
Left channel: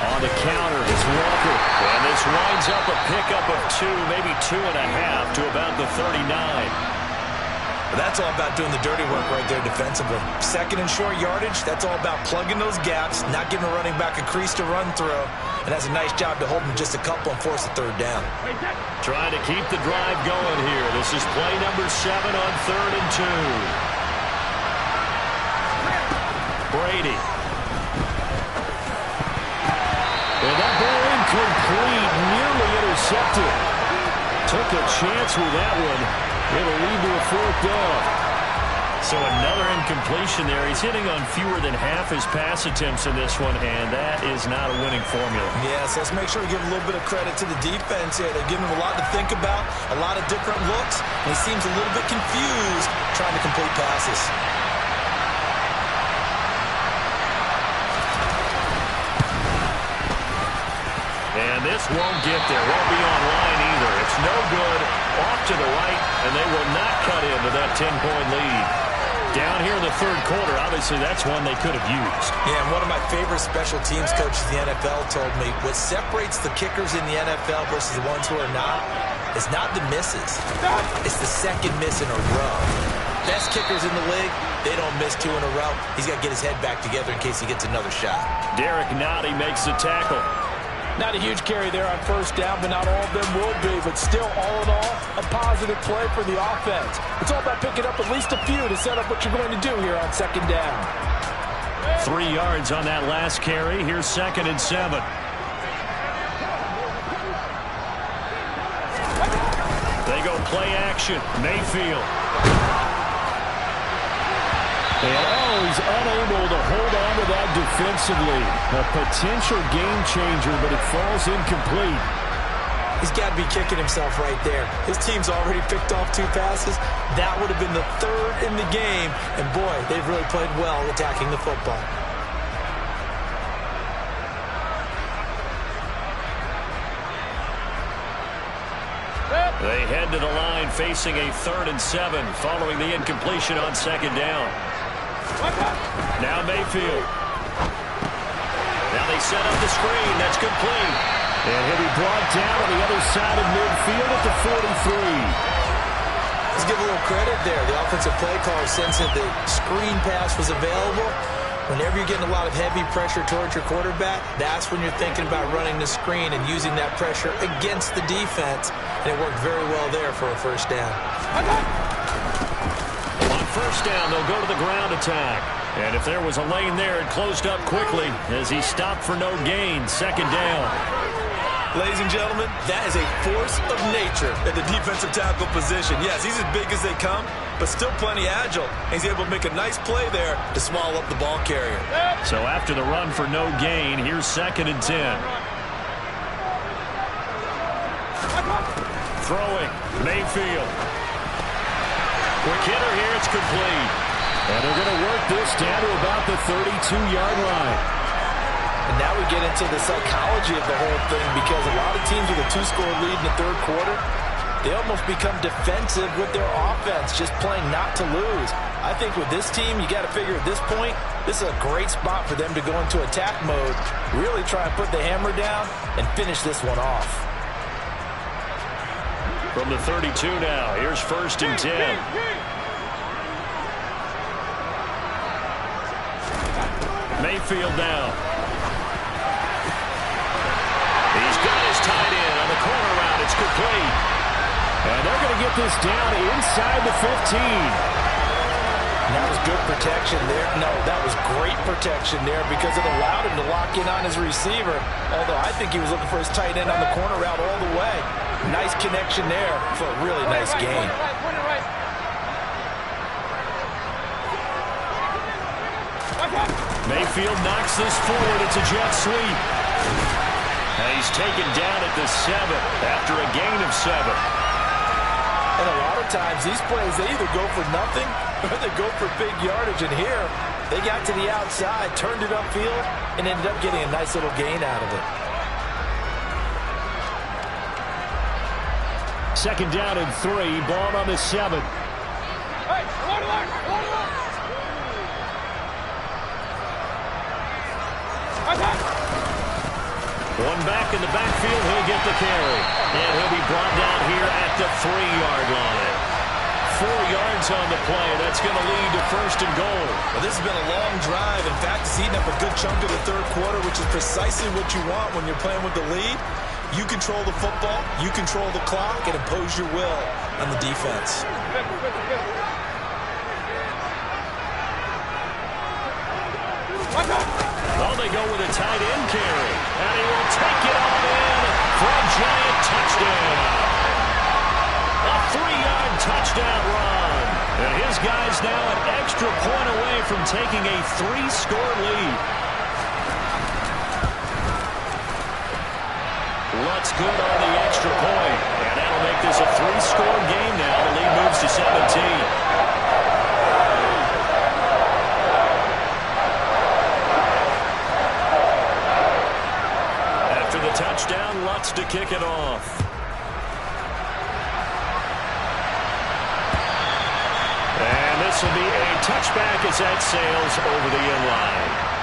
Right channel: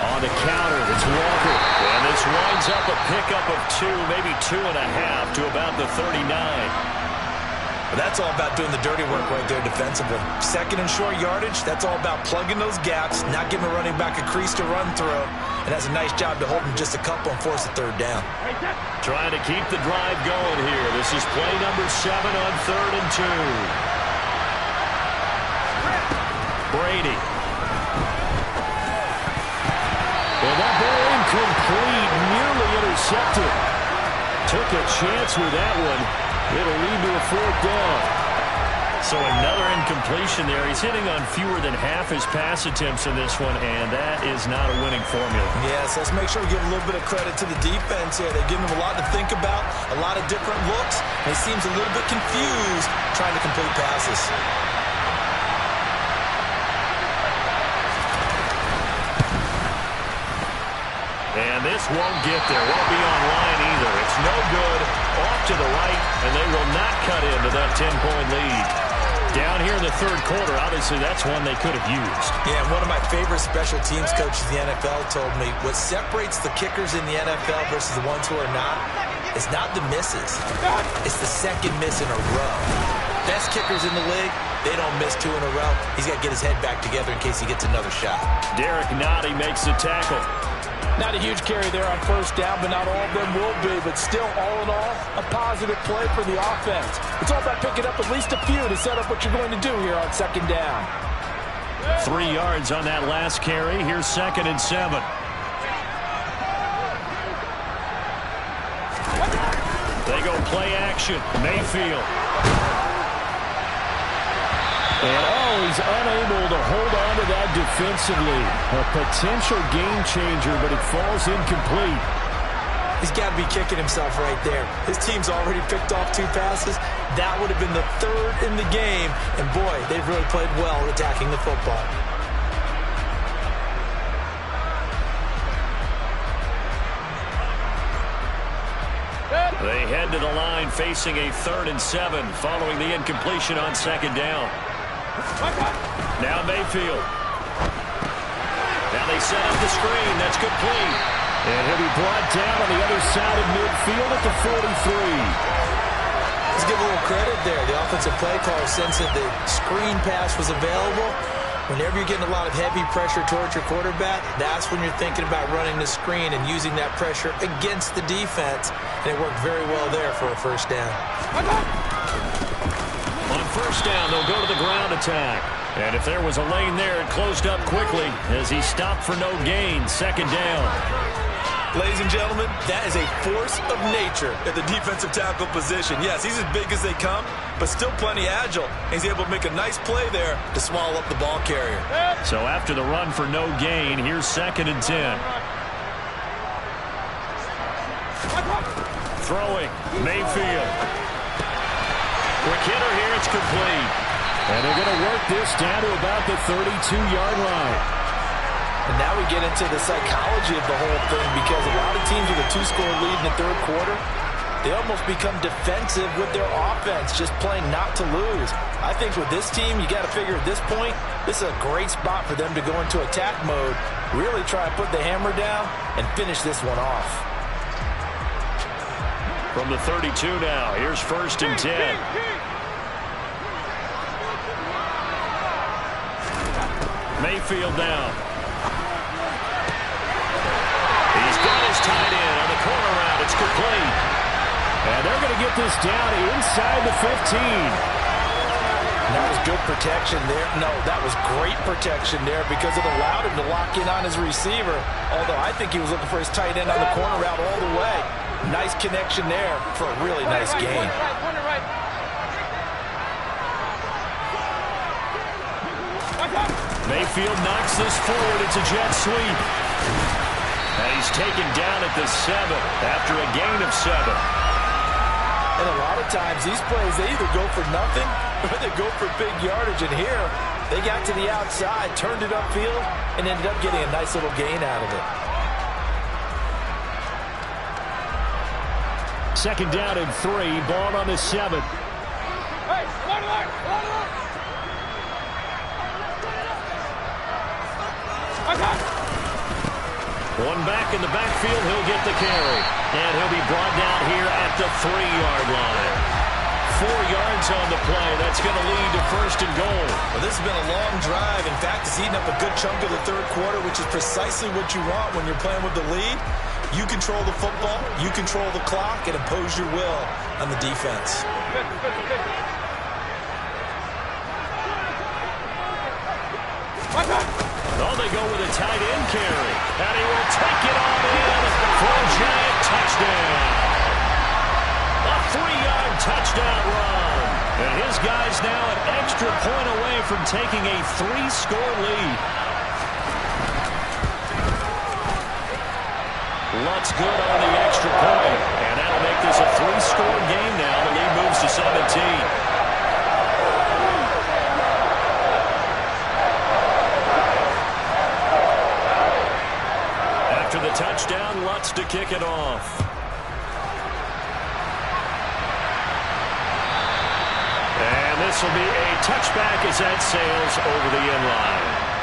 On the counter, it's Walker. And this winds up a pickup of 2, maybe 2.5 to about the 39. But that's all about doing the dirty work right there defensively. Second and short yardage, that's all about plugging those gaps, not giving a running back a crease to run through. And that's a nice job to hold him just a couple and force a third down. Trying to keep the drive going here. This is play number 7 on 3rd and 2. Brady. And that ball incomplete, nearly intercepted. Took a chance with that one. It'll lead to a 4th down. So another incompletion there. He's hitting on fewer than half his pass attempts in this one, and that is not a winning formula. Yes, let's make sure we give a little bit of credit to the defense here. They've given him a lot to think about, a lot of different looks, and he seems a little bit confused trying to complete passes. And this won't get there. Won't be on line either. It's no good. Off to the right, and they will not cut into that 10-point lead. Down here in the 3rd quarter, obviously that's one they could have used. Yeah, and one of my favorite special teams coaches in the NFL told me what separates the kickers in the NFL versus the ones who are not is not the misses. It's the second miss in a row. Best kickers in the league, they don't miss 2 in a row. He's got to get his head back together in case he gets another shot. Derek Nottie makes the tackle. Not a huge carry there on 1st down, but not all of them will be. But still, all in all, a positive play for the offense. It's all about picking up at least a few to set up what you're going to do here on 2nd down. 3 yards on that last carry. Here's 2nd and 7. They go play action. Mayfield. And, he's unable to hold on to that defensively. A potential game changer, but it falls incomplete. He's got to be kicking himself right there. His team's already picked off 2 passes. That would have been the 3rd in the game. And, boy, they've really played well attacking the football. They head to the line facing a 3rd and 7 following the incompletion on 2nd down. Now Mayfield. Now they set up the screen. That's complete. And he'll be brought down on the other side of midfield at the 43. Let's give a little credit there. The offensive play caller sensed that the screen pass was available. Whenever you're getting a lot of heavy pressure towards your quarterback, that's when you're thinking about running the screen and using that pressure against the defense. And it worked very well there for a 1st down. On 1st down, they'll go to the ground attack. And if there was a lane there, it closed up quickly as he stopped for no gain. 2nd down. Ladies and gentlemen, that is a force of nature at the defensive tackle position. Yes, he's as big as they come, but still plenty agile. He's able to make a nice play there to swallow up the ball carrier. So after the run for no gain, here's 2nd and 10. Throwing, Mayfield. Quick hitter here, it's complete. And they're going to work this down to about the 32-yard line. And now we get into the psychology of the whole thing, because a lot of teams with a 2-score lead in the 3rd quarter, they almost become defensive with their offense, just playing not to lose. I think with this team, you got to figure at this point, this is a great spot for them to go into attack mode, really try and put the hammer down and finish this one off. From the 32 now, here's 1st and 10. Mayfield now. He's got his tight end on the corner route. It's complete. And they're going to get this down inside the 15. That was good protection there. No, that was great protection there because it allowed him to lock in on his receiver. Although I think he was looking for his tight end on the corner route all the way. Nice connection there for a really nice gain. Mayfield knocks this forward. It's a jet sweep. And he's taken down at the 7 after a gain of 7. And a lot of times these plays, they either go for nothing or they go for big yardage. And here, they got to the outside, turned it upfield, and ended up getting a nice little gain out of it. Second down and 3, ball on the 7. Hey, line, line. One back in the backfield, he'll get the carry. And he'll be brought down here at the 3-yard line. 4 yards on the play. That's going to lead to first and goal. Well, this has been a long drive. In fact, it's eaten up a good chunk of the third quarter, which is precisely what you want when you're playing with the lead. You control the football, you control the clock, and impose your will on the defense. Oh, they go with a tight end carry. And he will take it on in for a giant touchdown. A 3-yard touchdown run. And his guy's now an extra point away from taking a 3-score lead. Lutz good on the extra point. And that'll make this a 3-score game now. The lead moves to 17. After the touchdown, Lutz to kick it off. And this will be a touchback as that sails over the end line.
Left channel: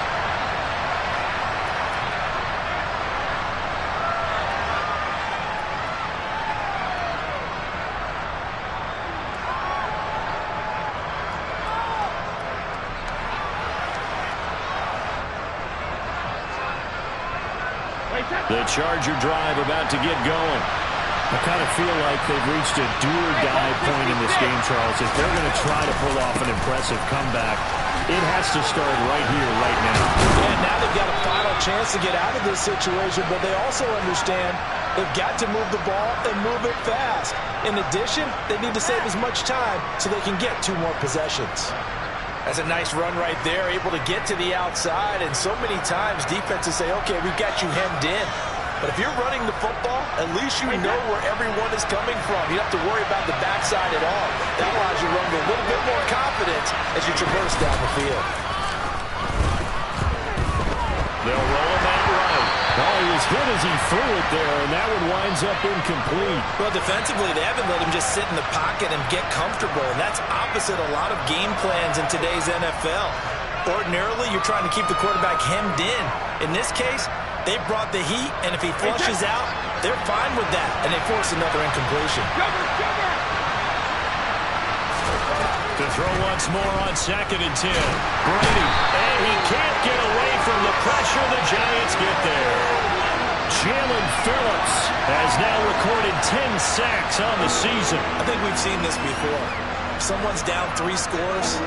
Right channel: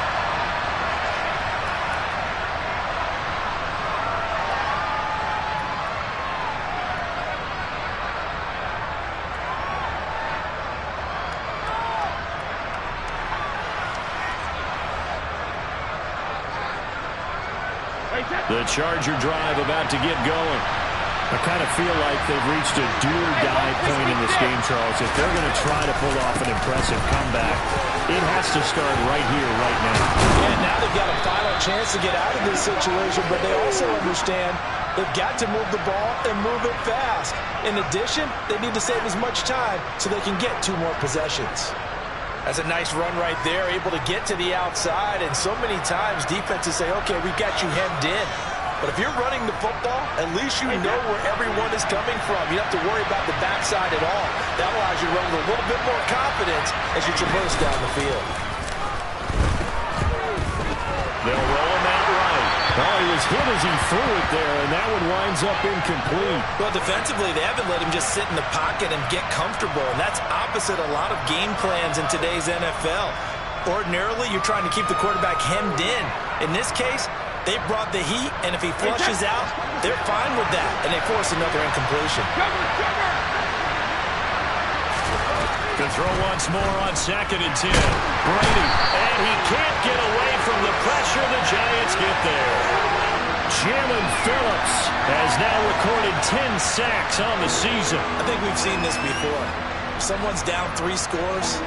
The Charger drive about to get going. I kind of feel like they've reached a do-or-die point in this game, Charles. If they're going to try to pull off an impressive comeback, it has to start right here, right now. Yeah, now they've got a final chance to get out of this situation, but they also understand they've got to move the ball and move it fast. In addition, they need to save as much time so they can get 2 more possessions. That's a nice run right there, able to get to the outside, and so many times defenses say, okay, we've got you hemmed in. But if you're running the football, at least you know where everyone is coming from. You don't have to worry about the backside at all. That allows you to run with a little bit more confidence as you traverse down the field. They'll roll him out right. Oh, he was hit as he threw it there, and that one winds up incomplete. Well, defensively, they haven't let him just sit in the pocket and get comfortable, and that's opposite a lot of game plans in today's NFL. Ordinarily, you're trying to keep the quarterback hemmed in. In this case, they brought the heat, and if he flushes out, they're fine with that, and they force another incompletion. To throw once more on 2nd and 10. Brady, and he can't get away from the pressure. The Giants get there. Jalen Phillips has now recorded 10 sacks on the season. I think we've seen this before. If someone's down 3 scores,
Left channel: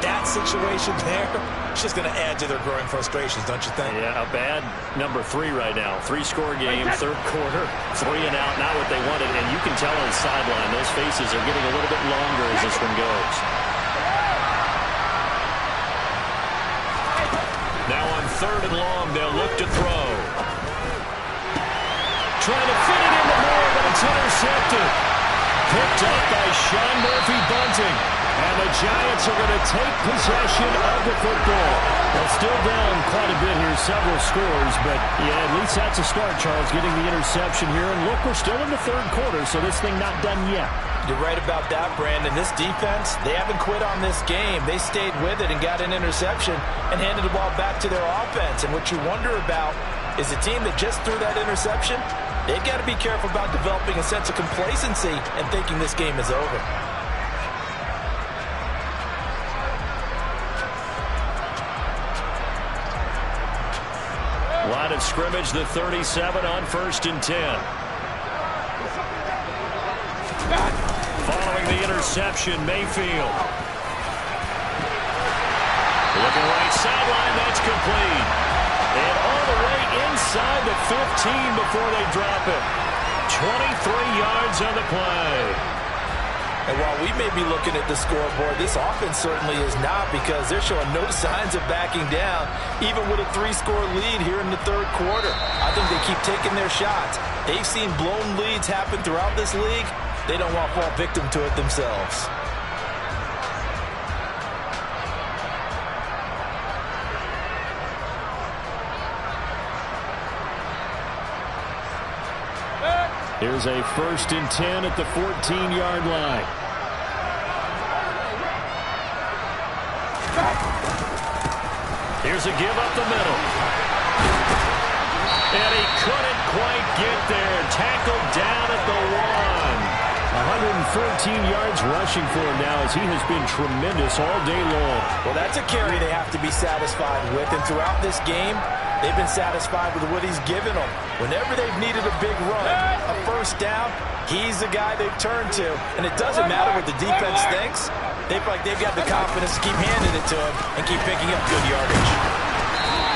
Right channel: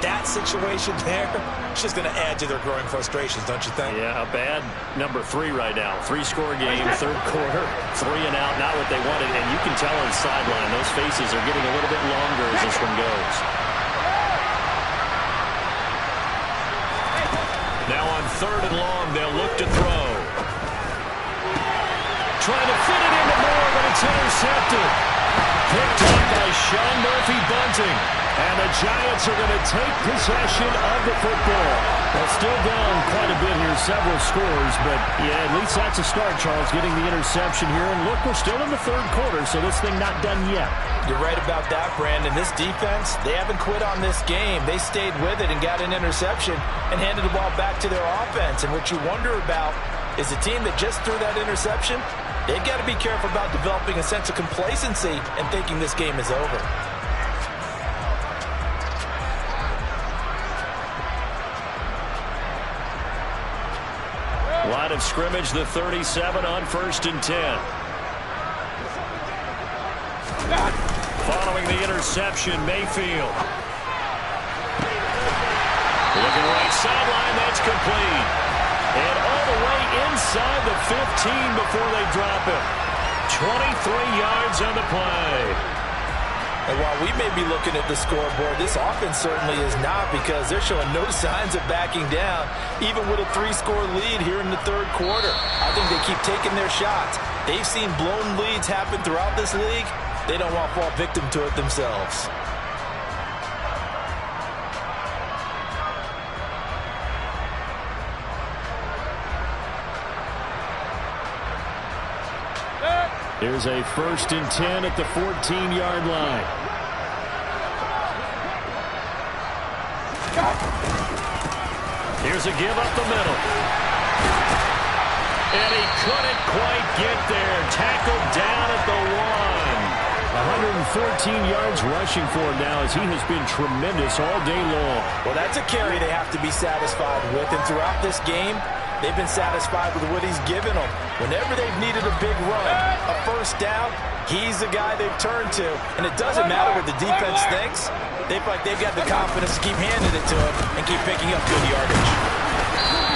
that situation there, it's just going to add to their growing frustrations, don't you think? Yeah, a bad number 3 right now. 3-score game, third quarter, 3 and out, not what they wanted. And you can tell on the sideline, those faces are getting a little bit longer as this one goes. Now on 3rd and long, they'll look to throw. Trying to fit it into Moore, but it's intercepted. Picked up by Sean Murphy-Bunting. And the Giants are going to take possession of the football. Well, still down quite a bit here, several scores, but yeah, at least that's a start, Charles, getting the interception here. And look, we're still in the 3rd quarter, so this thing not done yet. You're right about that, Brandon. This defense, they haven't quit on this game. They stayed with it and got an interception and handed the ball back to their offense. And what you wonder about is a team that just threw that interception, they've got to be careful about developing a sense of complacency and thinking this game is over. Line of scrimmage, the 37 on 1st and 10. Following the interception, Mayfield. Looking right sideline, that's complete. And all the way inside the 15 before they drop him. 23 yards on the play. And while we may be looking at the scoreboard, this offense certainly is not, because they're showing no signs of backing down, even with a 3-score lead here in the 3rd quarter. I think they keep taking their shots. They've seen blown leads happen throughout this league. they don't want to fall victim to it themselves. Here's a 1st and 10 at the 14-yard line. Here's a give up the middle. And he couldn't quite get there. Tackled down at the 1. 114 yards rushing for him now as he has been tremendous all day long. Well, that's a carry they have to be satisfied with. And throughout this game, they've been satisfied with what he's given them. Whenever they've needed a big run, a 1st down, he's the guy they've turned to. And it doesn't matter what the defense thinks. They feel like they've got the confidence to keep handing it to him and keep picking up good yardage.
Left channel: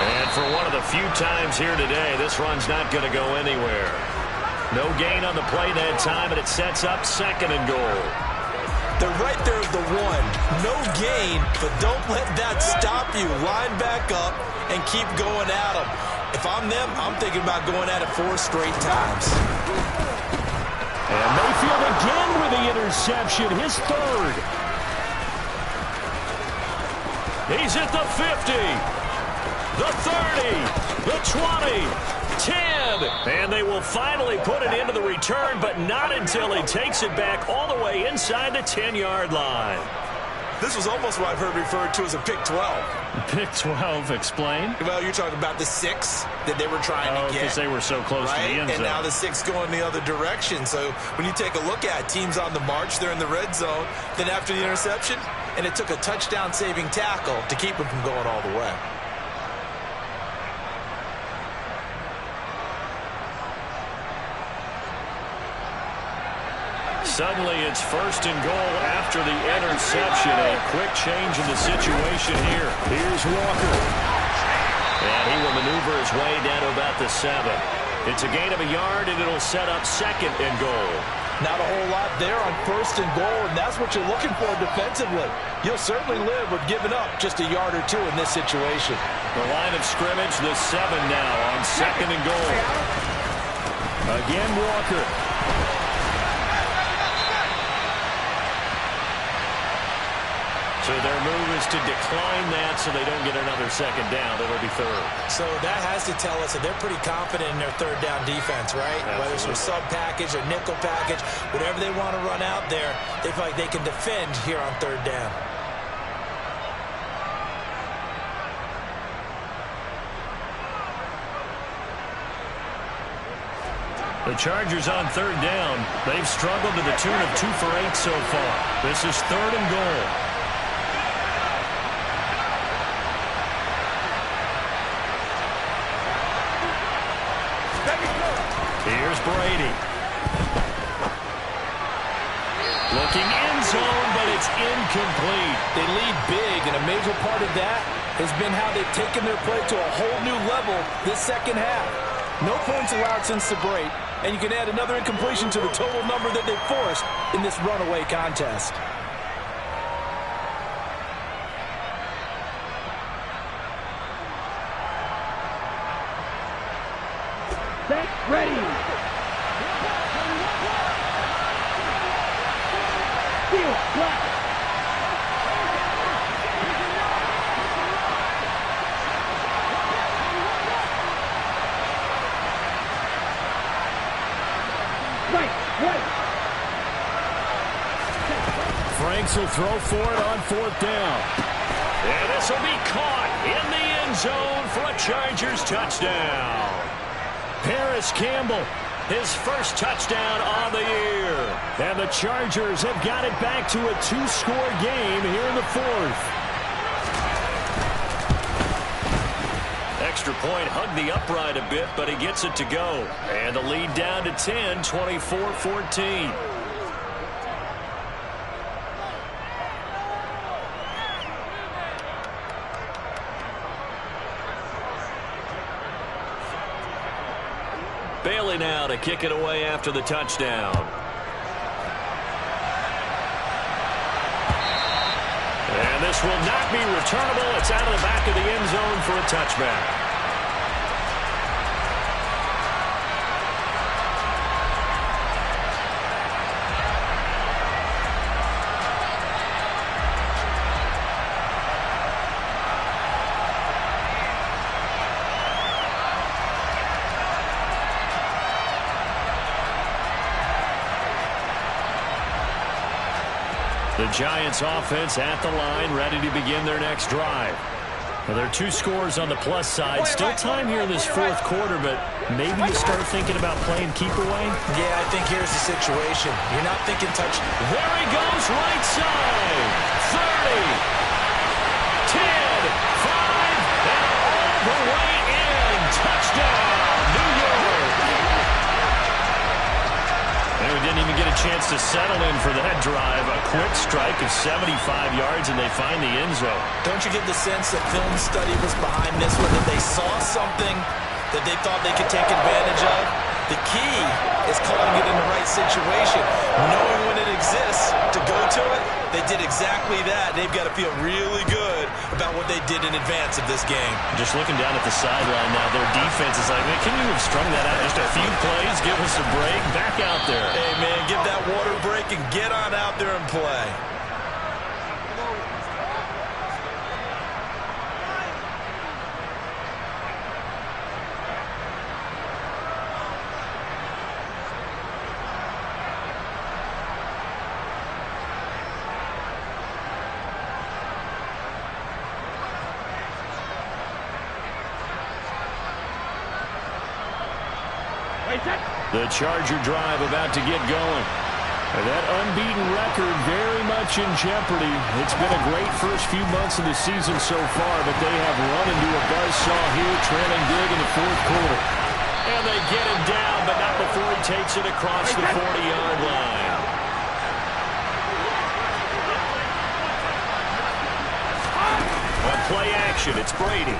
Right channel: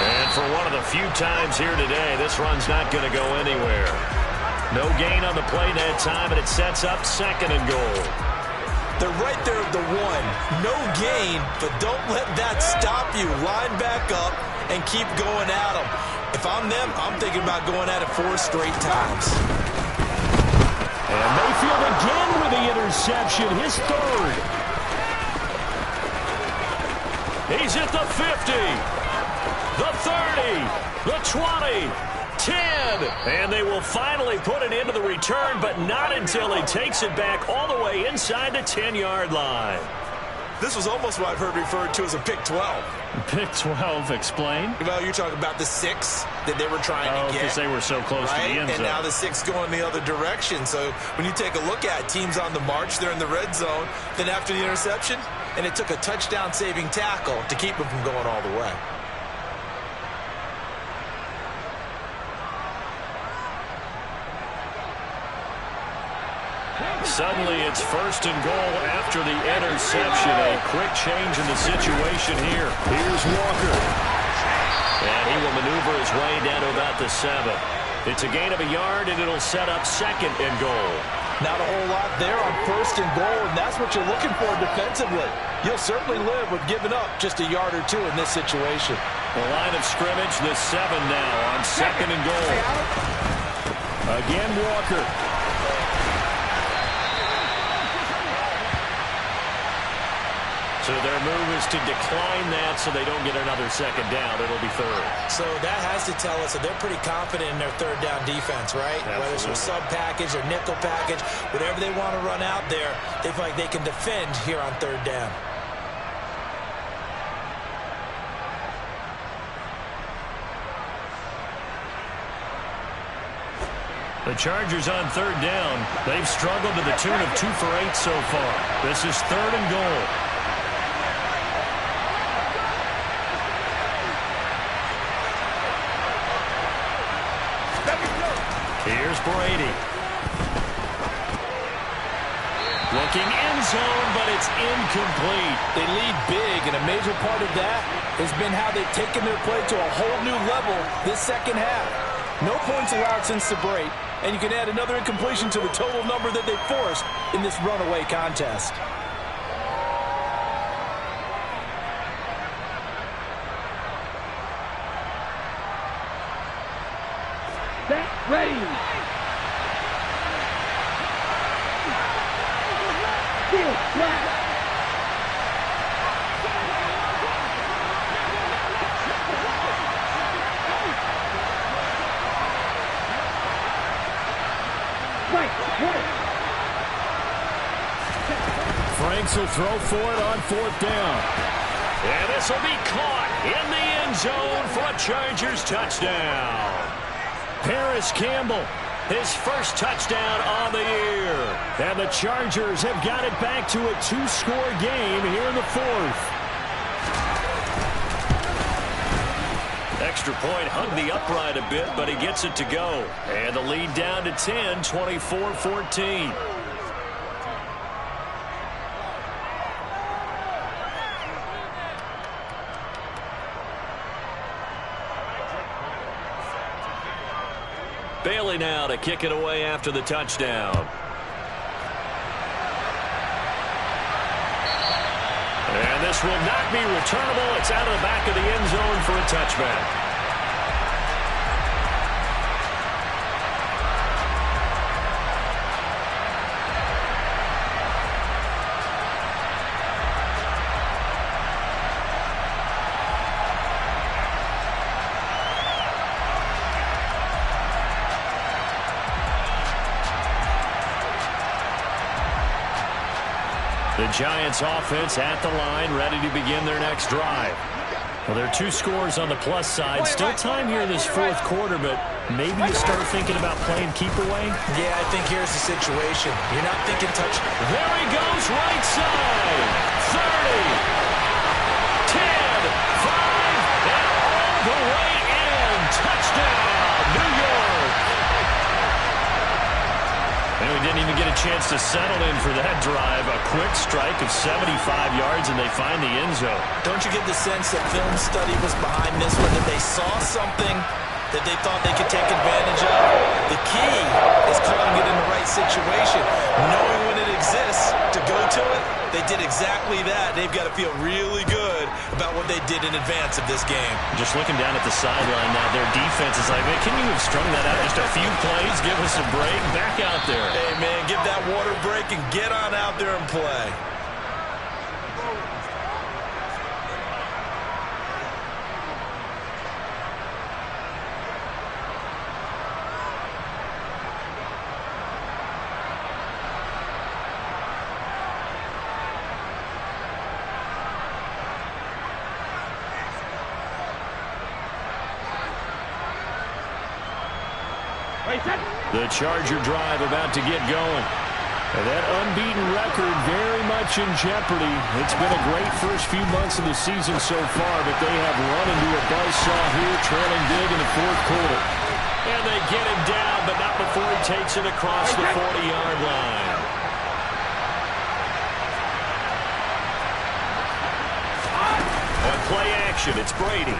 And for one of the few times here today, this run's not going to go anywhere. No gain on the play that time, and it sets up 2nd and goal. They're right there at the 1. No gain, but don't let that stop you. Line back up and keep going at them. If I'm them, I'm thinking about going at it 4 straight times. And Mayfield again with the interception, his 3rd. He's at the 50, the 30, the 20, 10. And they will finally put it into the return, but not until he takes it back all the way inside the 10-yard line. This was almost what I've heard referred to as a pick 12. Pick 12, explain. Well, you're talking about the 6 that they were trying to get. Because they were so close to the end zone. And now the 6 going the other direction. So when you take a look at teams on the march, they're in the red zone. Then after the interception, and it took a touchdown-saving tackle to keep them from going all the way. Suddenly it's 1st and goal after the interception. A quick change in the situation here. Here's Walker. And he will maneuver his way down to about the 7. It's a gain of a yard, and it'll set up 2nd and goal. Not a whole lot there on 1st and goal, and that's what you're looking for defensively. You'll certainly live with giving up just a yard or 2 in this situation. The line of scrimmage, the 7 now on 2nd and goal. Again, Walker. So their move is to decline that so they don't get another 2nd down. It'll be 3rd. So that has to tell us that they're pretty confident in their 3rd down defense, right? Absolutely. Whether it's a sub package or nickel package, whatever they want to run out there, they feel like they can defend here on 3rd down. The Chargers on 3rd down. They've struggled to the tune of 2 for 8 so far. This is 3rd and goal. Here's Brady. Looking end zone, but it's incomplete. They lead big, and a major part of that has been how they've taken their play to a whole new level this 2nd half. No points allowed since the break, and you can add another incompletion to the total number that they forced in this runaway contest. Set, ready. Field, flat. Right. Franks will throw for it on 4th down. And this will be caught in the end zone for a Chargers touchdown. Paris Campbell, his 1st touchdown on the year. And the Chargers have got it back to a 2-score game here in the 4th. Extra point hugged the upright a bit, but he gets it to go. And the lead down to 10, 24-14. Bailey now to kick it away after the touchdown. And this will not be returnable. It's out of the back of the end zone for a touchback. The Giants offense at the line, ready to begin their next drive. Well, there are 2 scores on the plus side. Still time here in this fourth quarter, but maybe you start thinking about playing keep away? Yeah, I think here's the situation. You're not thinking touch. There he goes, right side. 30, 10, 5, and all the way in. Touchdown, New York. And we didn't even get a chance to settle in for that drive. A quick strike of 75 yards, and they find the end zone. Don't you get the sense that film study was behind this one, that they saw something that they thought they could take advantage of? The key is calling it in the right situation. Knowing when it exists to go to it, they did exactly that. They've got to feel really good about what they did in advance of this game. Just looking down at the sideline now, their defense is like, man, can you have strung that out just a few plays? Give us a break. Back out there. Hey, man, give that water break and get on out there and play. The Charger drive about to get going. And that unbeaten record very much in jeopardy. It's been a great first few months of the season so far, but they have run into a buzzsaw here, trailing big in the fourth quarter. And they get him down, but not before he takes it across the 40-yard line. On play action, it's Brady.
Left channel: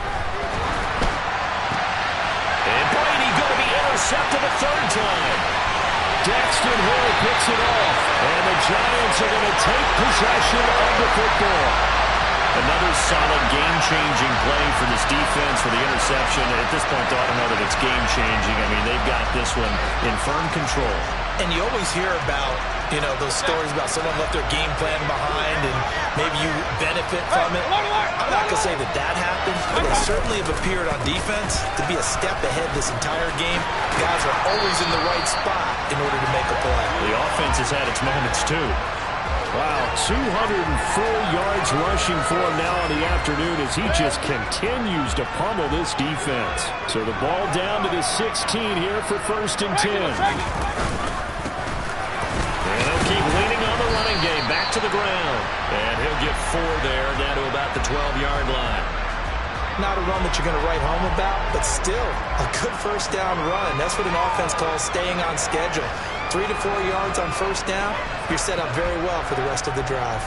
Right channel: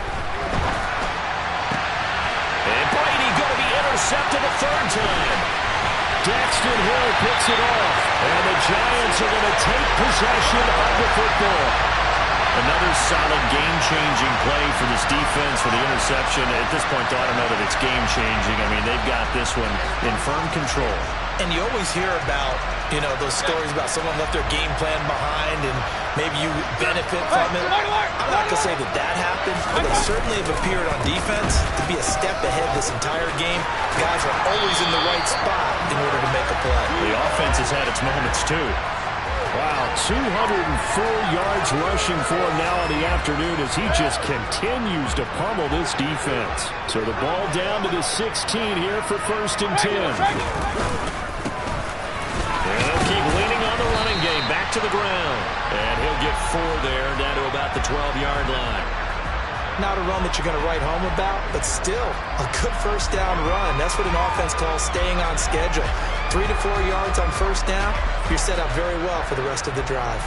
And Brady going to be intercepted a third time. Daxton Hill picks it off. And the Giants are going to take possession of the football. Another solid game-changing play for this defense for the interception. At this point, though, I don't know that it's game-changing. I mean, they've got this one in firm control. And you always hear about, you know, those stories about someone left their game plan behind and maybe you benefit from it. I'm not going to say that that happened, but they certainly have appeared on defense to be a step ahead this entire game. Guys are always in the right spot in order to make a play. The offense has had its moments, too. Wow, 204 yards rushing for him now in the afternoon as he just continues to pummel this defense. So the ball down to the 16 here for 1st and 10. And he'll keep leaning on the running game. Back to the ground. And he'll get 4 there, down to about the 12-yard line. Not a run that you're going to write home about, but still a good first down run. That's what an offense calls staying on schedule. 3 to 4 yards on first down, you're set up very well for the rest of the drive.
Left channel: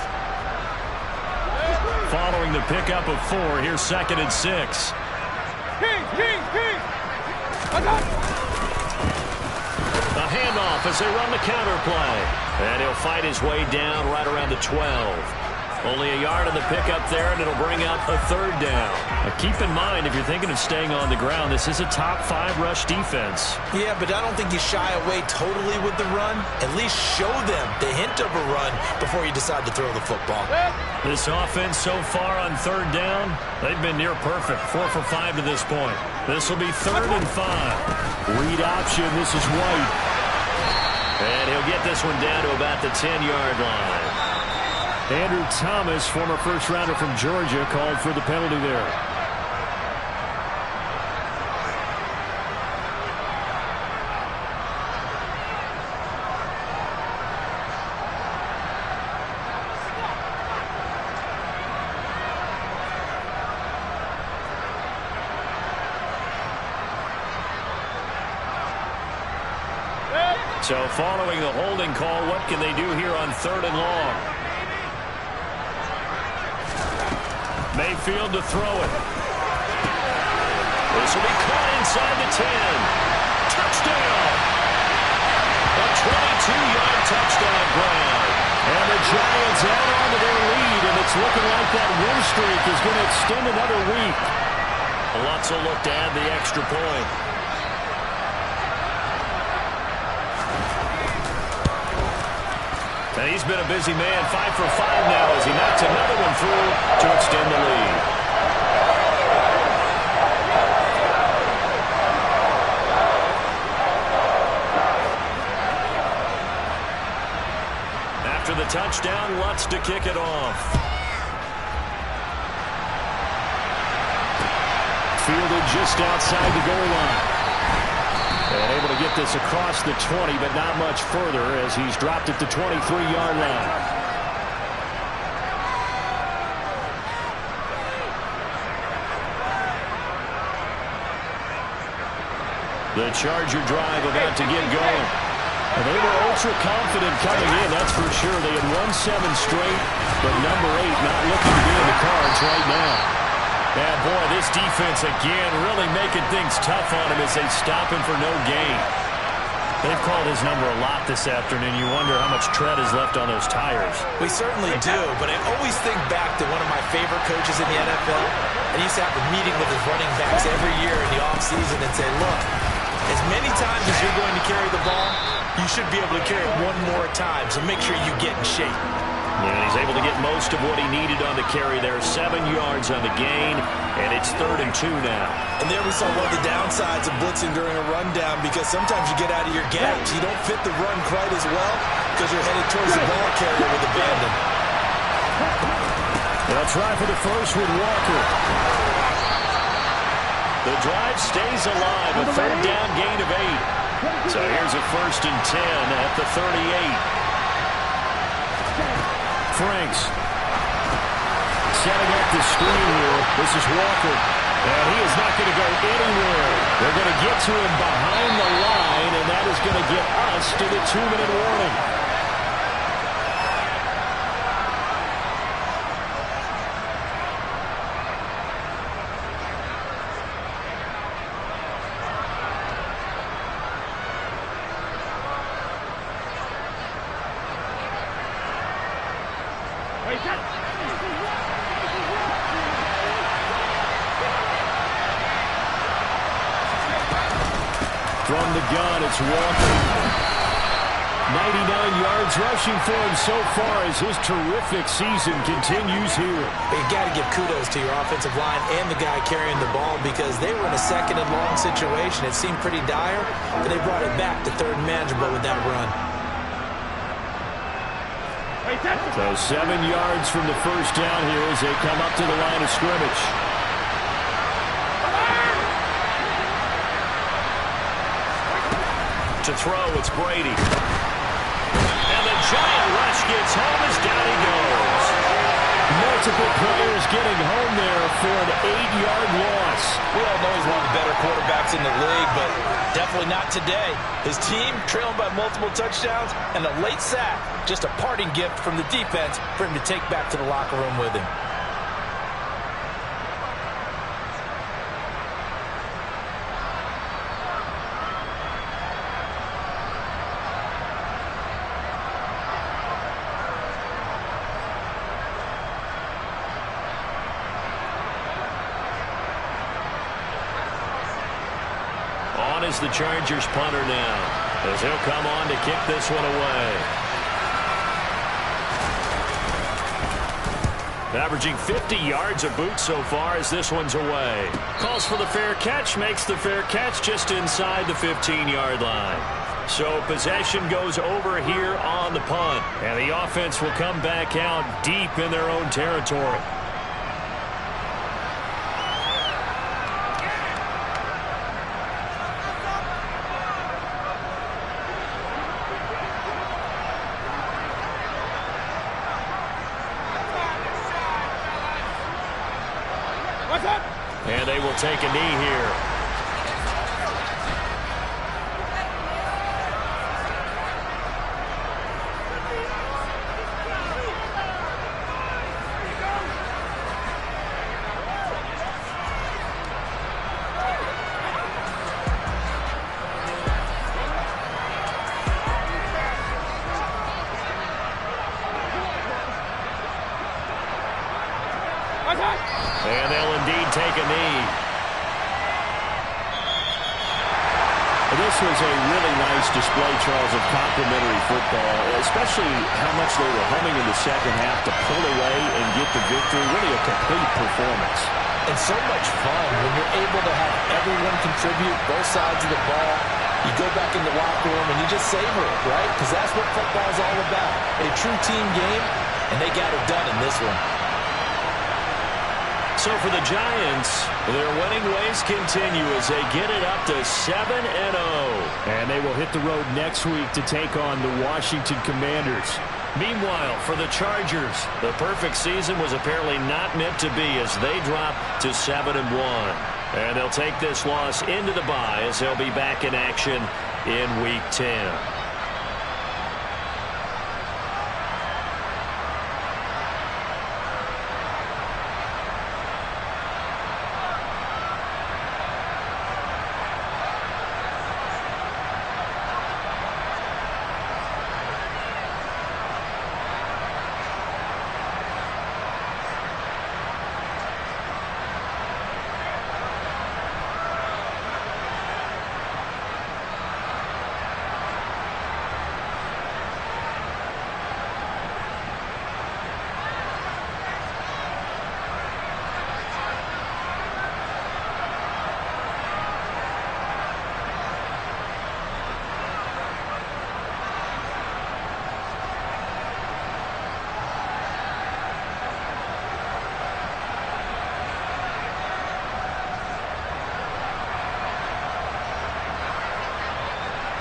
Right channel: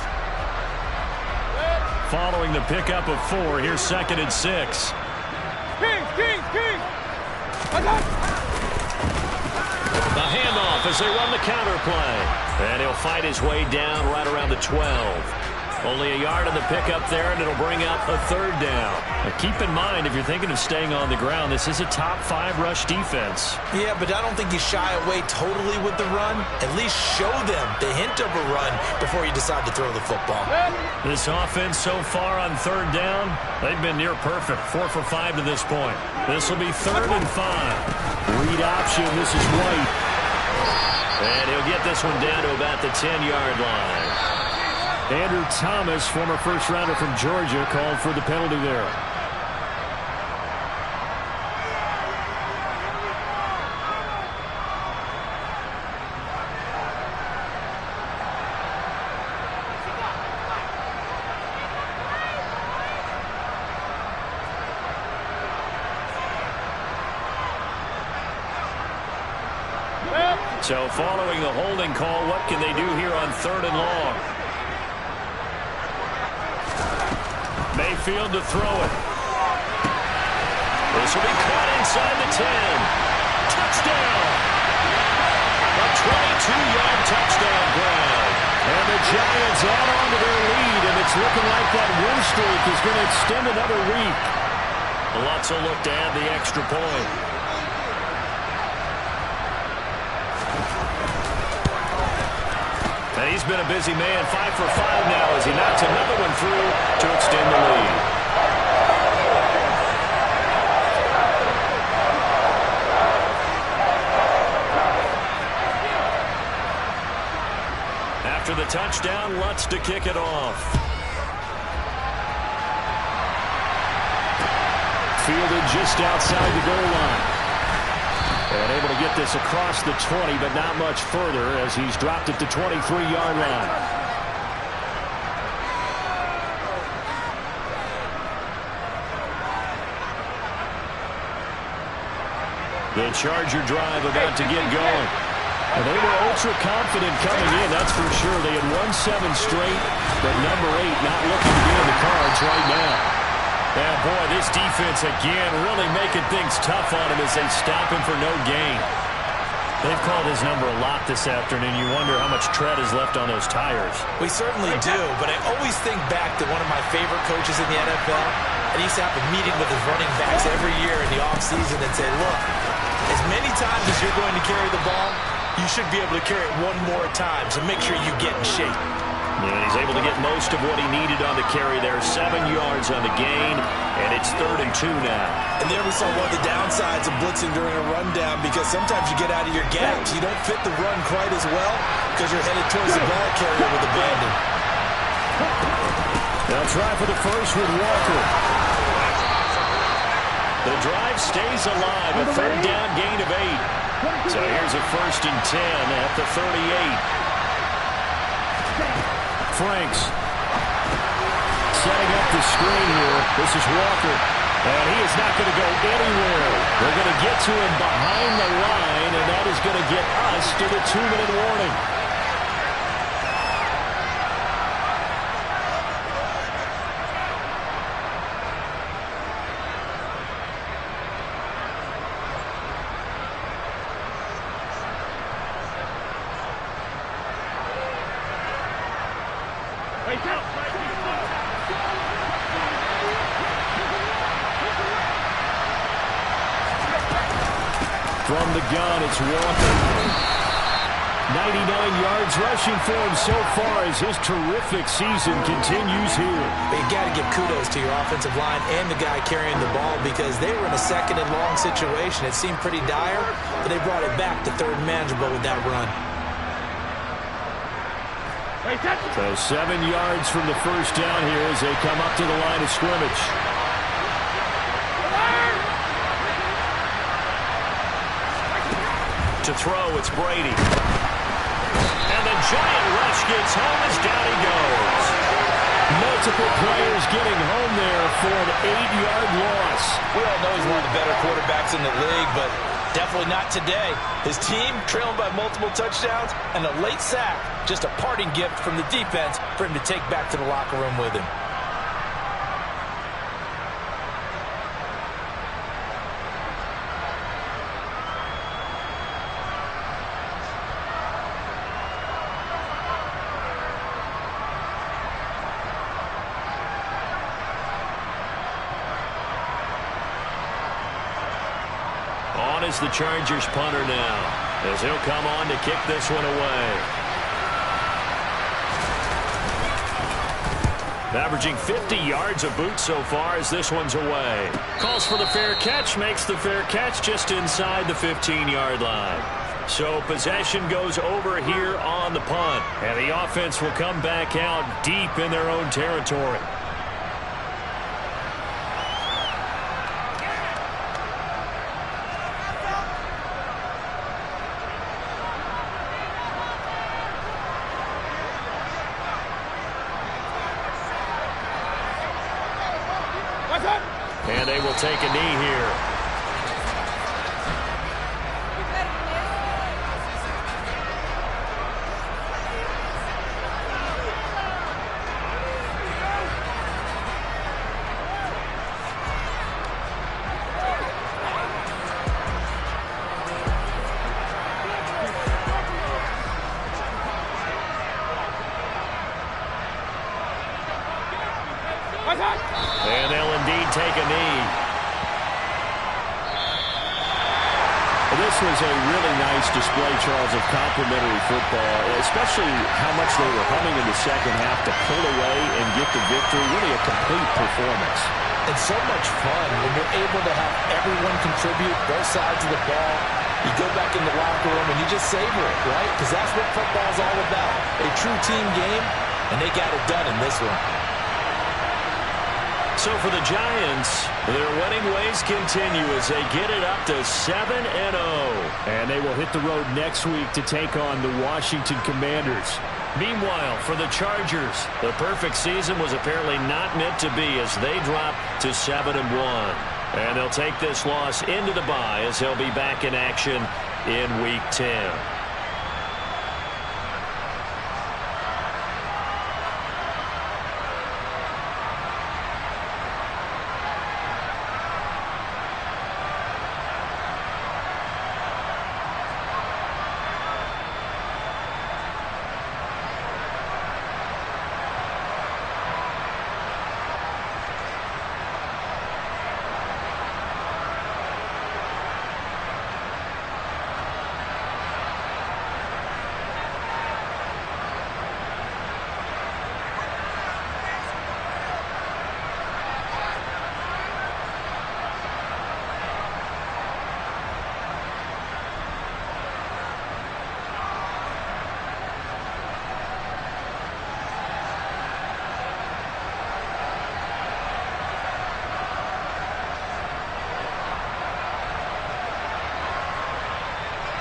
Following the pickup of 4, here's 2nd and 6. King! I got it. The handoff as they run the counter play. And he'll fight his way down right around the 12. Only a yard on the pickup there, and it'll bring up a 3rd down. Now keep in mind, if you're thinking of staying on the ground, this is a top 5 rush defense. Yeah, but I don't think you shy away totally with the run. At least show them the hint of a run before you decide to throw the football. This offense so far on 3rd down, they've been near perfect. 4 for 5 to this point. This will be 3rd and 5. Read option, this is White. And he'll get this one down to about the 10-yard line. Andrew Thomas, former first-rounder from Georgia, called for the penalty there. So following the holding call, what can they do here on 3rd and long? Mayfield to throw it. This will be caught inside the 10. Touchdown! A 22-yard touchdown grab. And the Giants add on to their lead, and it's looking like that win streak is going to extend another week. Lots will look to add the extra point. And he's been a busy man, 5 for 5 now as he knocks another one through to extend the lead. After the touchdown. Lutz to kick it off. Fielded just outside the goal line. And able to get this across the 20, but not much further as he's dropped at the 23-yard line. The Charger drive about to get going. And they were ultra confident coming in, that's for sure. They had won 7 straight, but number 8 not looking to be in the cards right now. Yeah, boy, this defense again really making things tough on him as they stop him for no gain. They've called his number a lot this afternoon. You wonder how much tread is left on those tires. We certainly do, but I always think back to one of my favorite coaches in the NFL. And he used to have a meeting with his running backs every year in the offseason and say, look, as many times as you're going to carry the ball, you should be able to carry it one more time, so make sure you get in shape. Yeah, and he's able to get most of what he needed on the carry there. 7 yards on the gain, and it's 3rd and 2 now. And there we saw one of the downsides of blitzing during a rundown, because sometimes you get out of your gaps. You don't fit the run quite as well because you're headed towards the ball carrier with abandon. They'll try for the first with Walker. The drive stays alive. A 3rd down gain of 8. So here's a 1st and 10 at the 38. Franks setting up the screen here. This is Walker. And he is not going to go anywhere. They're going to get to him behind the line, and that is going to get us to the 2-minute warning. From the gun, it's Walker. 99 yards rushing for him so far as his terrific season continues here. But you got to give kudos to your offensive line and the guy carrying the ball, because they were in a 2nd and long situation. It seemed pretty dire, but they brought it back to 3rd and manageable with that run. So 7 yards from the first down here as they come up to the line of scrimmage. To throw, it's Brady. And the giant rush gets home as down he goes. Multiple players getting home there for an 8-yard loss. We all know he's one of the better quarterbacks in the league, but definitely not today. His team trailing by multiple touchdowns and a late sack. Just a parting gift from the defense for him to take back to the locker room with him. On is the Chargers punter now, as he'll come on to kick this one away. Averaging 50 yards a boot so far as this one's away. Calls for the fair catch, makes the fair catch just inside the 15-yard line. So possession goes over here on the punt, and the offense will come back out deep in their own territory. And they will take a knee here. And they'll indeed take a knee. This was a really nice display, Charles, of complimentary football, especially how much they were humming in the second half to pull away and get the victory. Really a complete performance. And so much fun when you're able to have everyone contribute, both sides of the ball. You go back in the locker room and you just savor it, right? Because that's what football's all about. A true team game, and they got it done in this one. So for the Giants, their winning ways continue as they get it up to 7-0. And they will hit the road next week to take on the Washington Commanders. Meanwhile, for the Chargers, the perfect season was apparently not meant to be as they drop to 7-1. And they'll take this loss into the bye as they'll be back in action in Week 10.